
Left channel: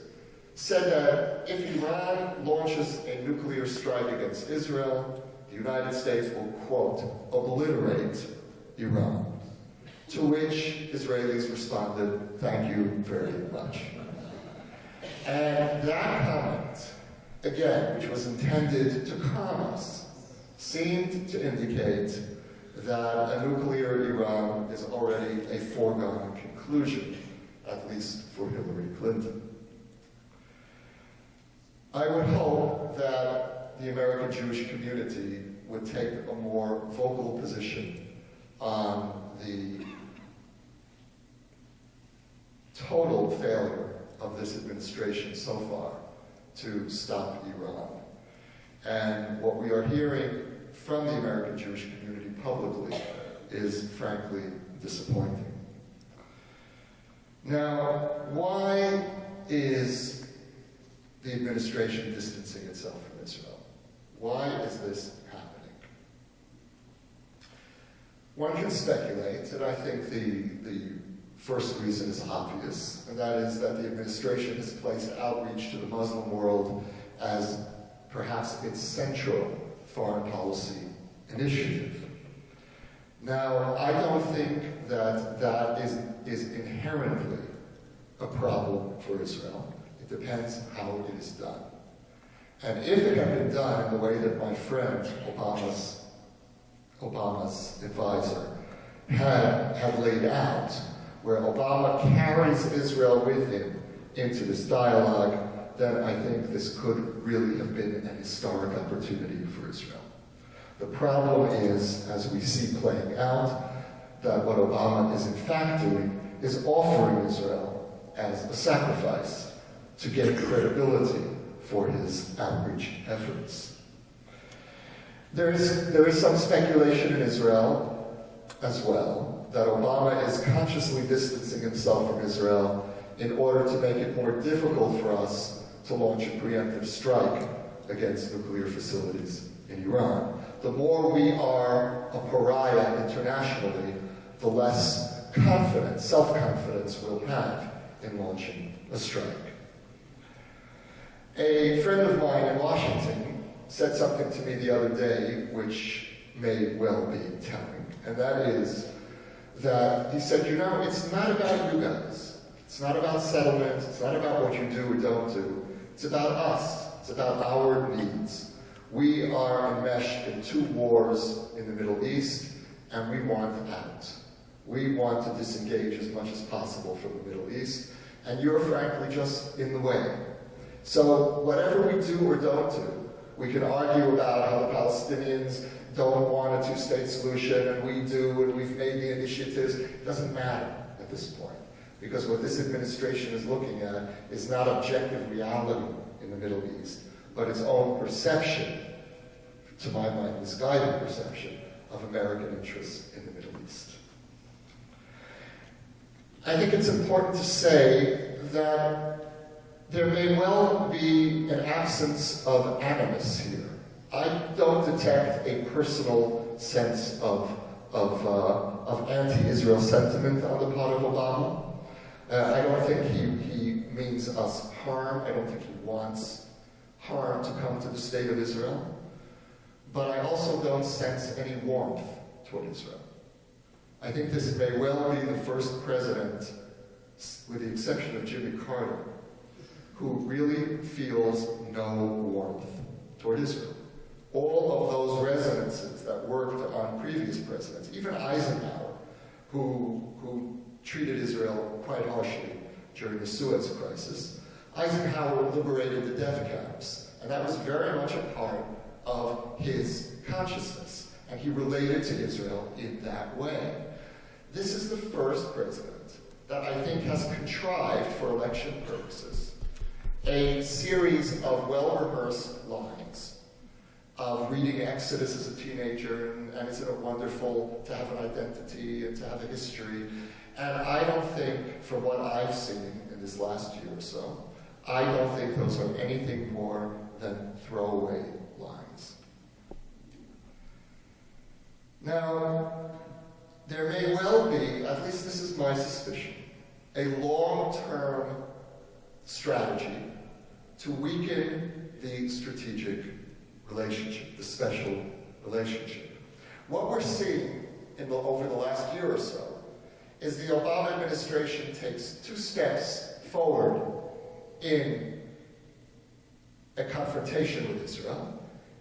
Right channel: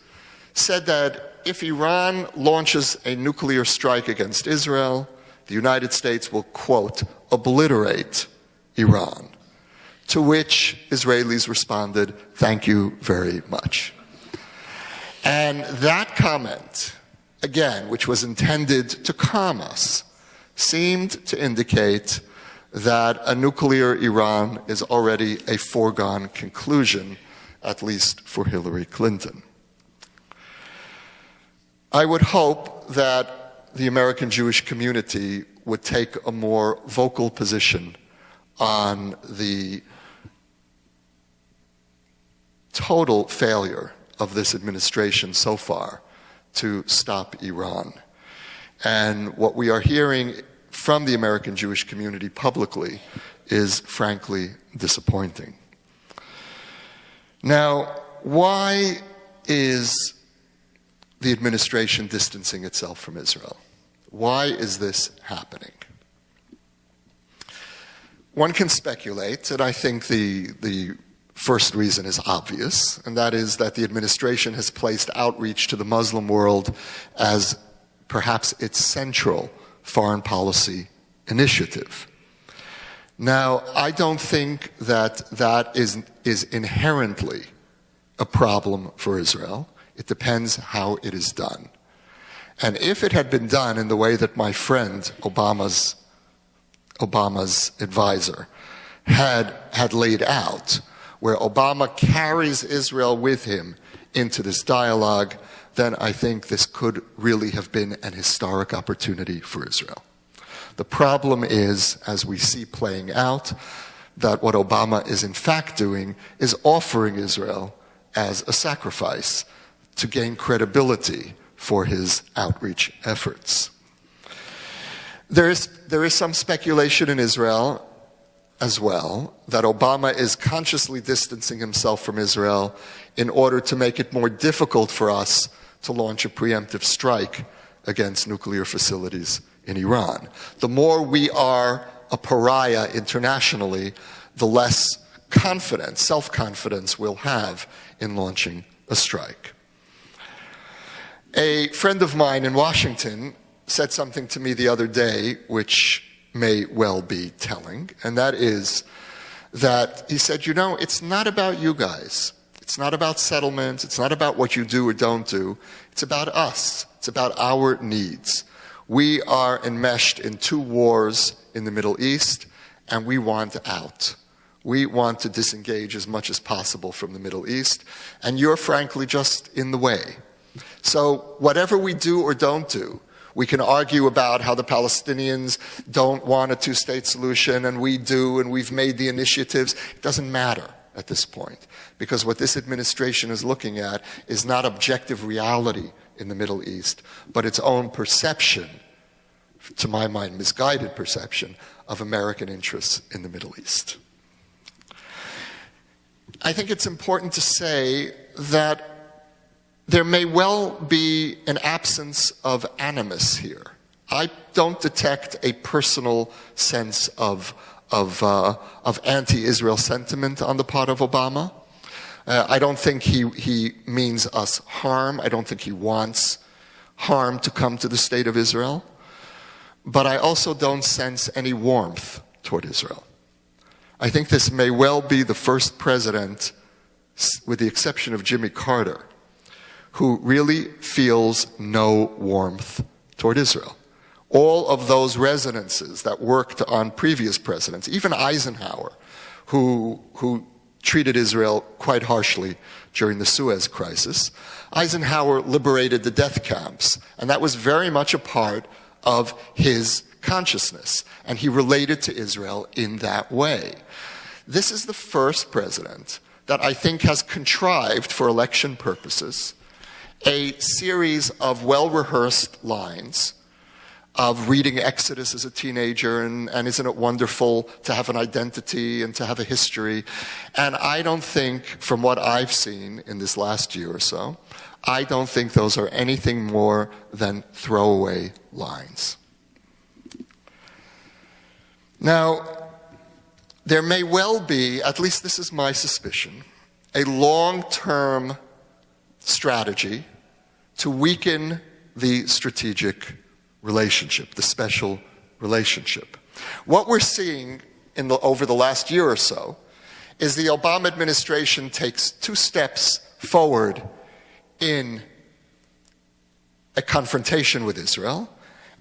said that if Iran launches a nuclear strike against Israel, the United States will, quote, obliterate Iran. To which Israelis responded, thank you very much. And that comment, again, which was intended to calm us, seemed to indicate that a nuclear Iran is already a foregone conclusion, at least for Hillary Clinton. I would hope that the American Jewish community would take a more vocal position on the total failure of this administration so far to stop Iran. And what we are hearing from the American Jewish community publicly is frankly disappointing. Now, why is the administration distancing itself from Israel? Why is this happening? One can speculate, and I think the first reason is obvious, and that is that the administration has placed outreach to the Muslim world as perhaps its central foreign policy initiative. Now, I don't think that that is inherently a problem for Israel. It depends how it is done. And if it had been done in the way that my friend, Obama's advisor, had laid out, where Obama carries Israel with him into this dialogue, then I think this could really have been an historic opportunity for Israel. The problem is, as we see playing out, that what Obama is in fact doing is offering Israel as a sacrifice to gain credibility for his outreach efforts. There is some speculation in Israel as well that Obama is consciously distancing himself from Israel in order to make it more difficult for us to launch a preemptive strike against nuclear facilities in Iran. The more we are a pariah internationally, the less confidence, self-confidence we'll have in launching a strike. A friend of mine in Washington said something to me the other day which may well be telling, and that is that he said, you know, it's not about you guys. It's not about settlements. It's not about what you do or don't do. It's about us. It's about our needs. We are enmeshed in 2 wars in the Middle East, and we want out. We want to disengage as much as possible from the Middle East, and you're frankly just in the way. So whatever we do or don't do, we can argue about how the Palestinians don't want a 2-state solution, and we do, and we've made the initiatives. It doesn't matter at this point, because what this administration is looking at is not objective reality in the Middle East, but its own perception, to my mind, misguided perception, of American interests in the Middle East. I think it's important to say that there may well be an absence of animus here. I don't detect a personal sense of anti-Israel sentiment on the part of Obama. I don't think he means us harm. I don't think he wants harm to come to the state of Israel. But I also don't sense any warmth toward Israel. I think this may well be the first president, with the exception of Jimmy Carter, who really feels no warmth toward Israel. All of those resonances that worked on previous presidents, even Eisenhower, who treated Israel quite harshly during the Suez crisis, Eisenhower liberated the death camps, and that was very much a part of his consciousness, and he related to Israel in that way. This is the first president that I think has contrived, for election purposes, a series of well-rehearsed lines of reading Exodus as a teenager, and isn't it wonderful to have an identity and to have a history. And I don't think, from what I've seen in this last year or so, I don't think those are anything more than throwaway lines. Now, there may well be, at least this is my suspicion, a long-term strategy to weaken the strategic relationship, the special relationship. What we're seeing over the last year or so is the Obama administration takes 2 steps forward in a confrontation with Israel,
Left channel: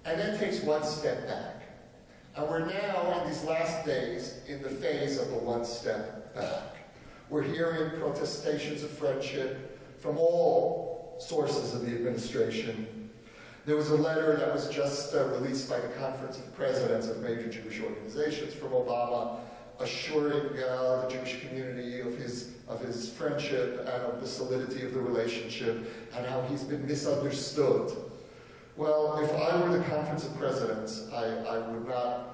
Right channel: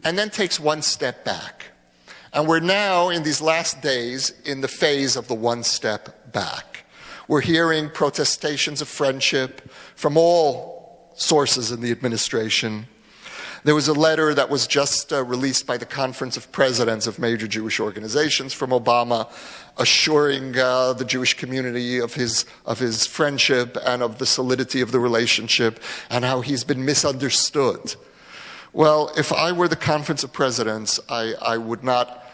and then takes 1 step back. And we're now, in these last days, in the phase of the 1 step back. We're hearing protestations of friendship from all sources in the administration. There was a letter that was just released by the Conference of Presidents of major Jewish organizations from Obama, assuring the Jewish community of his friendship and of the solidity of the relationship, and how he's been misunderstood. Well, if I were the Conference of Presidents, I would not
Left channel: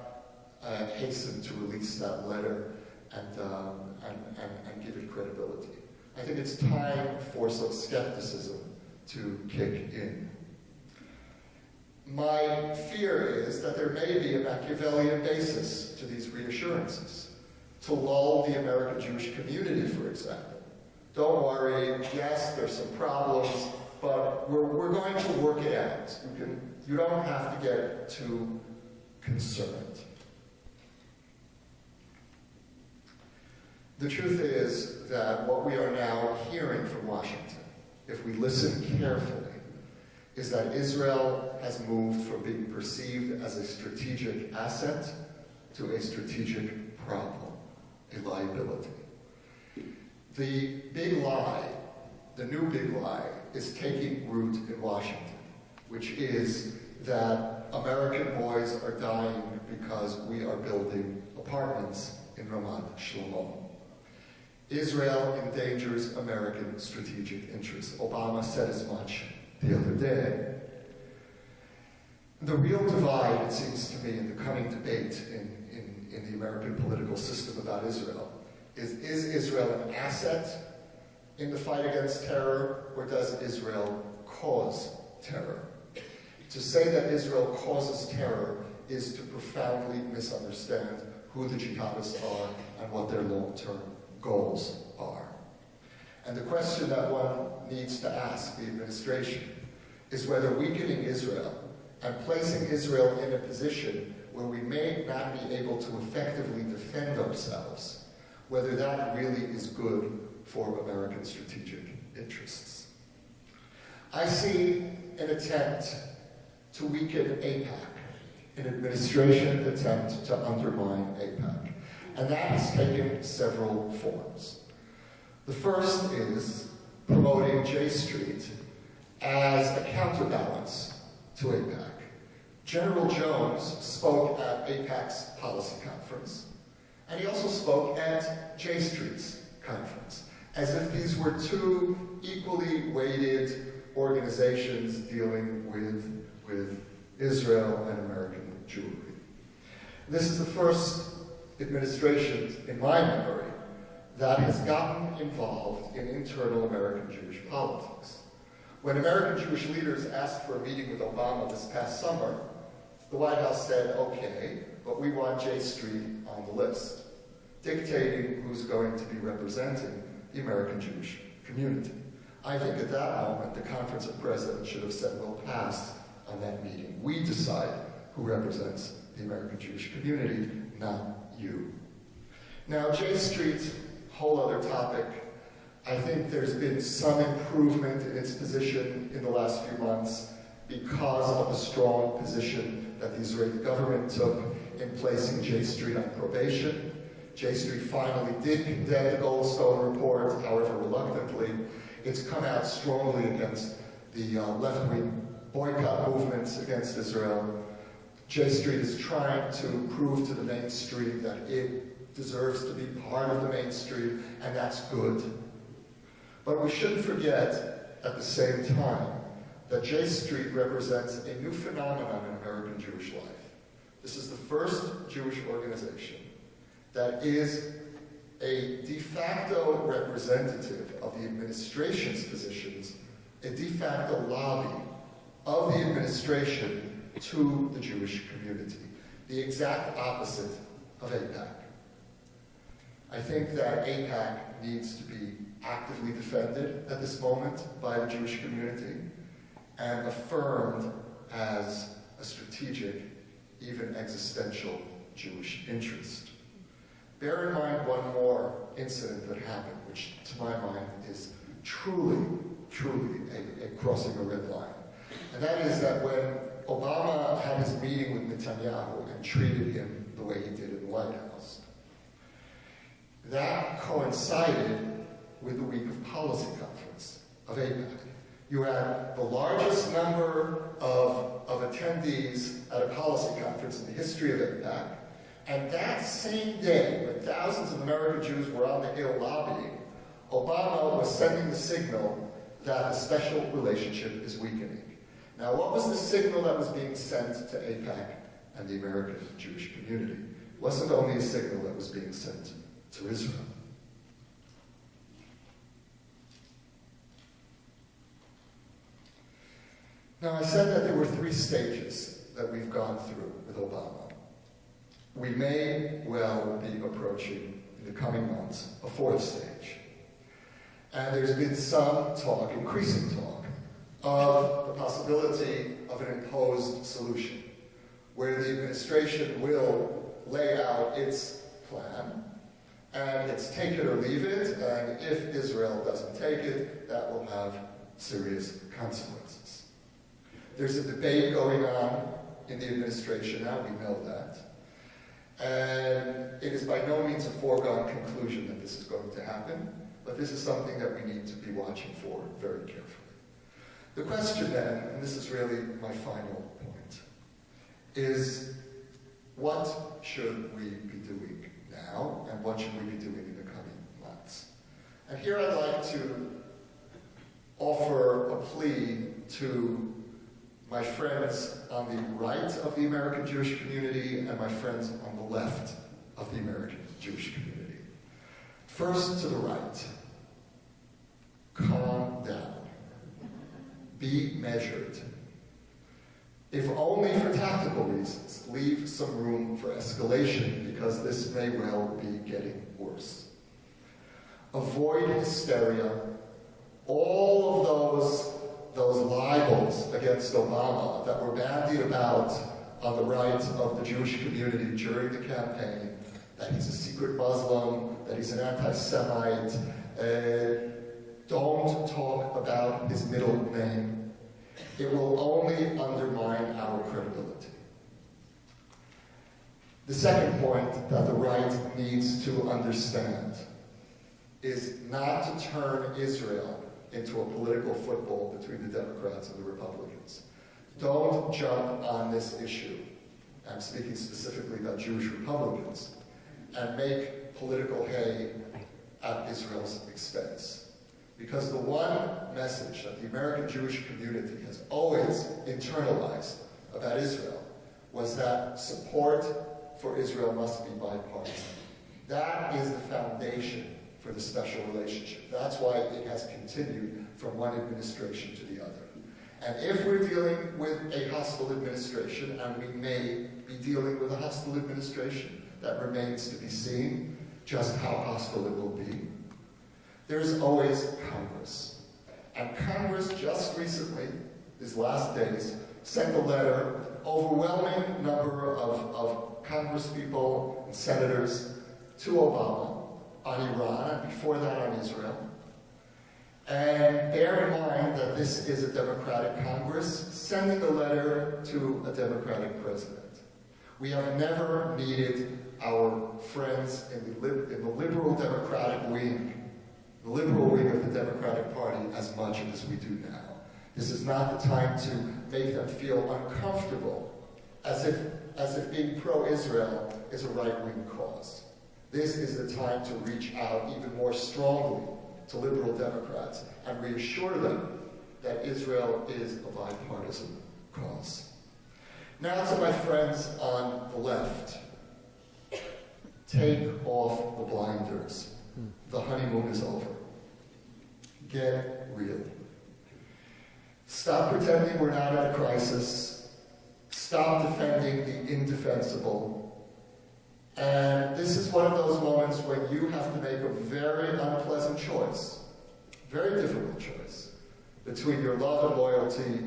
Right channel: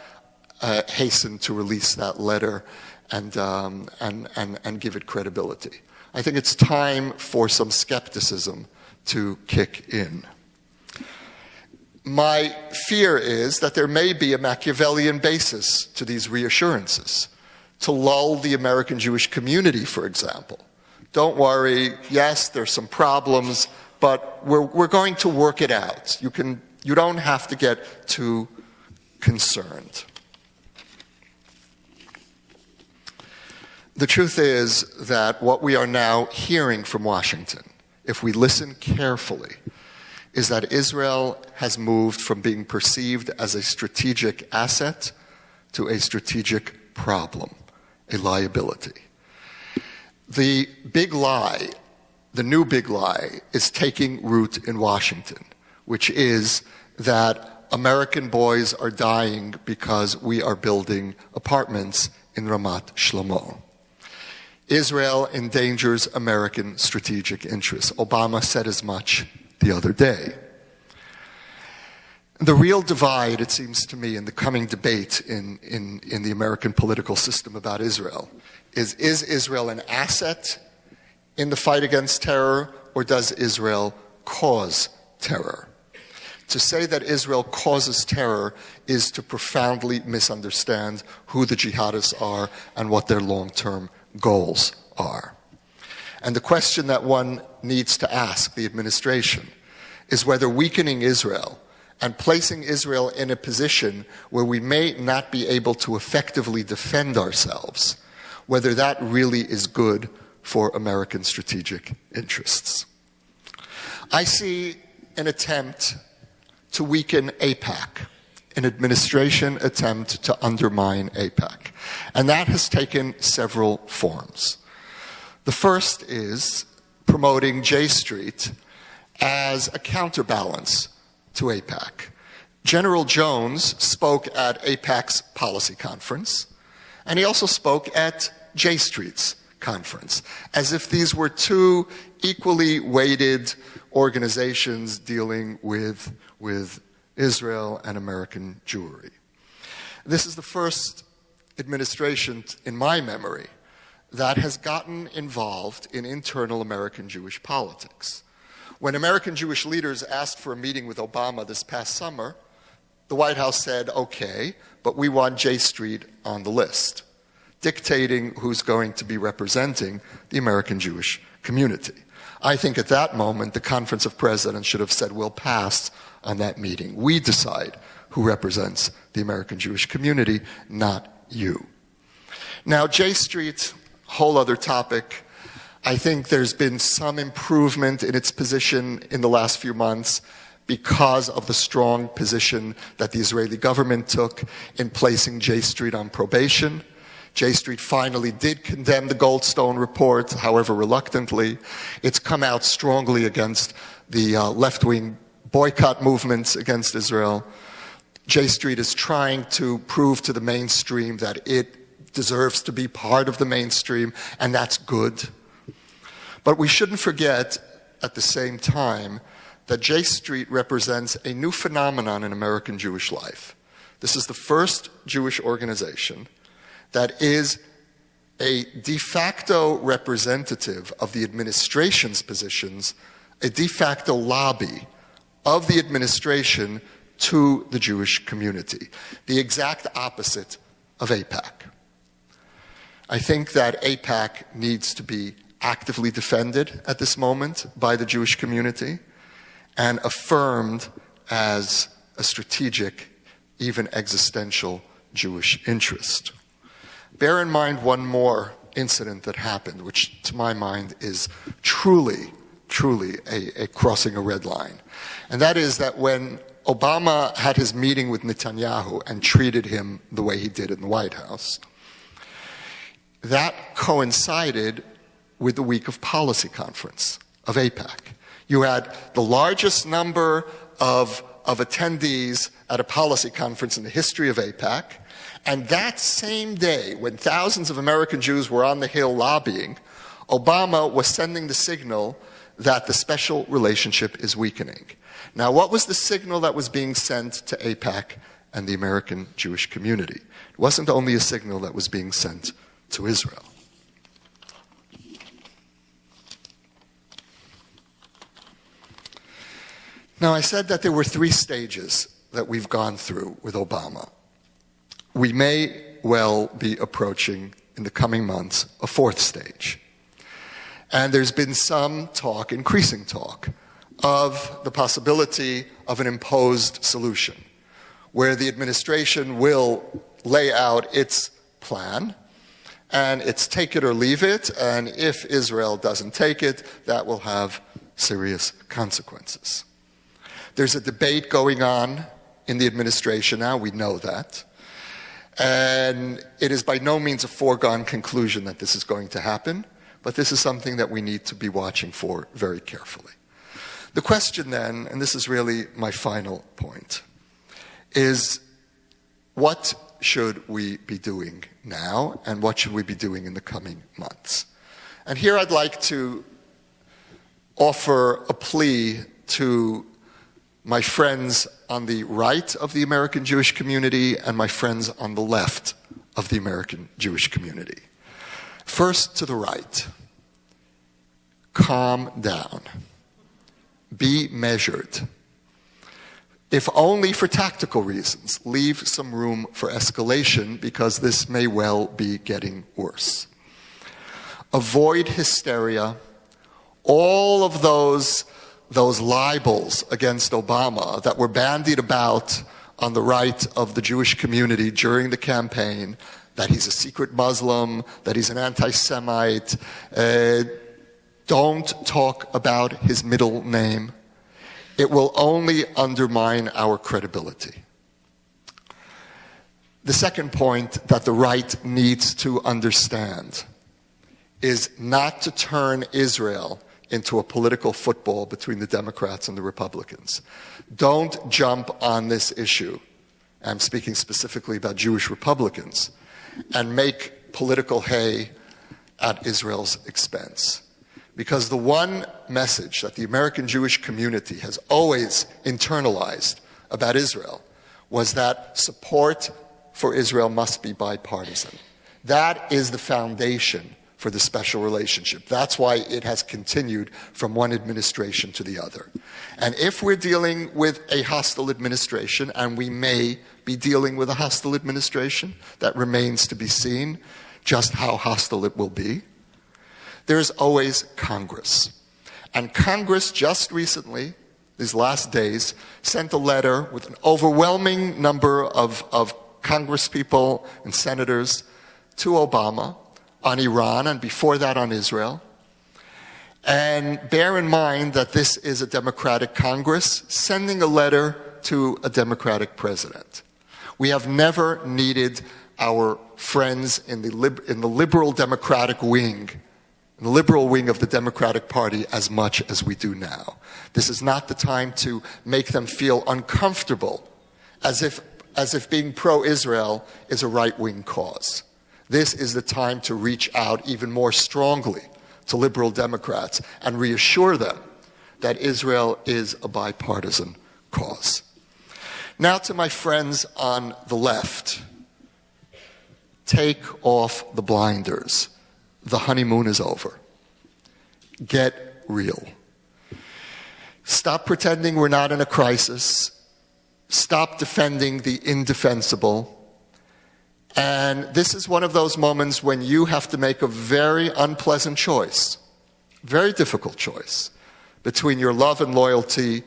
hasten to release that letter and give it credibility. I think it's time for some skepticism to kick in. My fear is that there may be a Machiavellian basis to these reassurances, to lull the American Jewish community, for example. Don't worry, yes, there's some problems, but we're going to work it out. You don't have to get too concerned. The truth is that what we are now hearing from Washington, if we listen carefully, is that Israel has moved from being perceived as a strategic asset to a strategic problem, a liability. The big lie, the new big lie, is taking root in Washington, which is that American boys are dying because we are building apartments in Ramat Shlomo. Israel endangers American strategic interests. Obama said as much the other day. The real divide, it seems to me, in the coming debate in the American political system about Israel is Israel an asset in the fight against terror, or does Israel cause terror? To say that Israel causes terror is to profoundly misunderstand who the jihadists are and what their long-term goals are. And the question that one needs to ask the administration is whether weakening Israel and placing Israel in a position where we may not be able to effectively defend ourselves, whether that really is good for American strategic interests. I see an attempt to weaken AIPAC, an administration attempt to undermine AIPAC. And that has taken several forms. The first is promoting J Street as a counterbalance to AIPAC. General Jones spoke at AIPAC's policy conference, and he also spoke at J Street's conference, as if these were two equally weighted organizations dealing with Israel and American Jewry. This is the first administration, in my memory, that has gotten involved in internal American Jewish politics. When American Jewish leaders asked for a meeting with Obama this past summer, the White House said, okay, but we want J Street on the list, dictating who's going to be representing the American Jewish community. I think at that moment, the Conference of Presidents should have said, we'll pass on that meeting. We decide who represents the American Jewish community, not you. Now, J Street, whole other topic. I think there's been some improvement in its position in the last few months because of the strong position that the Israeli government took in placing J Street on probation. J Street finally did condemn the Goldstone report, however reluctantly. It's come out strongly against the left-wing boycott movements against Israel. J Street is trying to prove to the mainstream that it deserves to be part of the mainstream, and that's good. But we shouldn't forget, at the same time, that J Street represents a new phenomenon in American Jewish life. This is the first Jewish organization that is a de facto representative of the administration's positions, a de facto lobby of the administration to the Jewish community, the exact opposite of AIPAC. I think that AIPAC needs to be actively defended at this moment by the Jewish community and affirmed as a strategic, even existential Jewish interest. Bear in mind one more incident that happened, which to my mind is truly a crossing a red line. And that is that when Obama had his meeting with Netanyahu and treated him the way he did in the White House, that coincided with the week of policy conference of AIPAC. You had the largest number of attendees at a policy conference in the history of AIPAC, and that same day, when thousands of American Jews were on the Hill lobbying, Obama was sending the signal that the special relationship is weakening. Now, what was the signal that was being sent to AIPAC and the American Jewish community? It wasn't only a signal that was being sent to Israel. Now, I said that there were three stages that we've gone through with Obama. We may well be approaching, in the coming months, a fourth stage. And there's been some talk, increasing talk, of the possibility of an imposed solution, where the administration will lay out its plan, and it's take it or leave it, and if Israel doesn't take it, that will have serious consequences. There's a debate going on in the administration now, we know that. And it is by no means a foregone conclusion that this is going to happen, but this is something that we need to be watching for very carefully. The question then, and this is really my final point, is what should we be doing now, and what should we be doing in the coming months? And here I'd like to offer a plea to my friends on the right of the American Jewish community and my friends on the left of the American Jewish community. First, to the right. Calm down. Be measured. If only for tactical reasons, leave some room for escalation, because this may well be getting worse. Avoid hysteria. All of those libels against Obama that were bandied about on the right of the Jewish community during the campaign, that he's a secret Muslim, that he's an anti-Semite, don't talk about his middle name. It will only undermine our credibility. The second point that the right needs to understand is not to turn Israel into a political football between the Democrats and the Republicans. Don't jump on this issue, I'm speaking specifically about Jewish Republicans, and make political hay at Israel's expense. Because the one message that the American Jewish community has always internalized about Israel was that support for Israel must be bipartisan. That is the foundation for the special relationship. That's why it has continued from one administration to the other. And if we're dealing with a hostile administration, and we may be dealing with a hostile administration, that remains to be seen just how hostile it will be, there's always Congress. And Congress just recently, these last days, sent a letter with an overwhelming number of congresspeople and senators to Obama on Iran, and before that on Israel. And bear in mind that this is a Democratic Congress sending a letter to a Democratic president. We have never needed our friends in the liberal Democratic wing, the liberal wing of the Democratic Party, as much as we do now. This is not the time to make them feel uncomfortable, as if being pro-Israel is a right-wing cause. This is the time to reach out even more strongly to liberal Democrats and reassure them that Israel is a bipartisan cause. Now to my friends on the left. Take off the blinders. The honeymoon is over. Get real. Stop pretending we're not in a crisis. Stop defending the indefensible. And this is one of those moments when you have to make a very unpleasant choice, very difficult choice, between your love and loyalty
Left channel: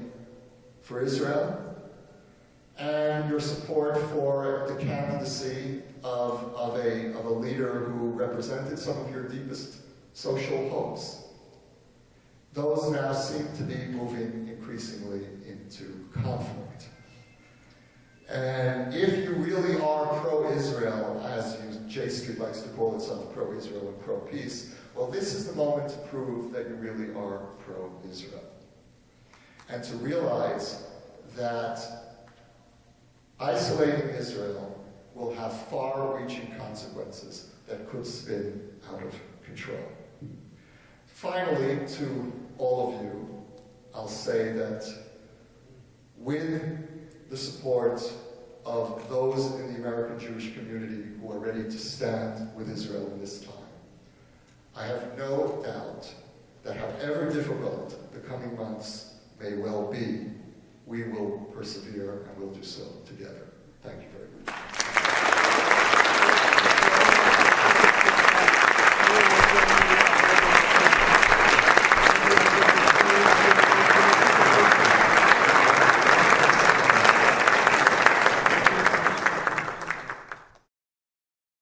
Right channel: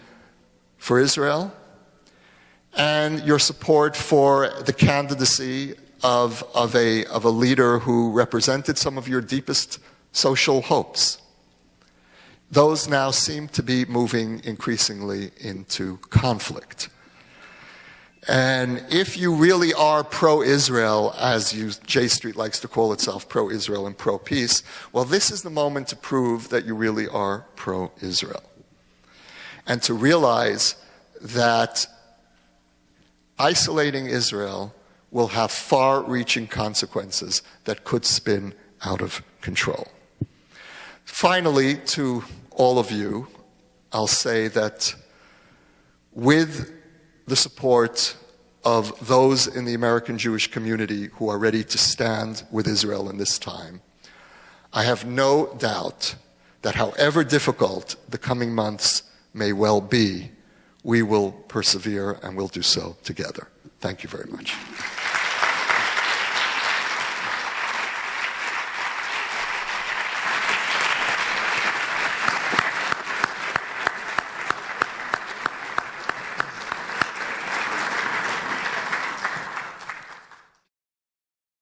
for Israel and your support for the candidacy of a leader who represented some of your deepest social hopes. Those now seem to be moving increasingly into conflict. And if you really are pro-Israel, as J Street likes to call itself, pro-Israel and pro-peace, well, this is the moment to prove that you really are pro-Israel. And to realize that isolating Israel will have far-reaching consequences that could spin out of control. Finally, to all of you, I'll say that with the support of those in the American Jewish community who are ready to stand with Israel in this time, I have no doubt that however difficult the coming months may well be, we will persevere and we'll do so together. Thank you very much.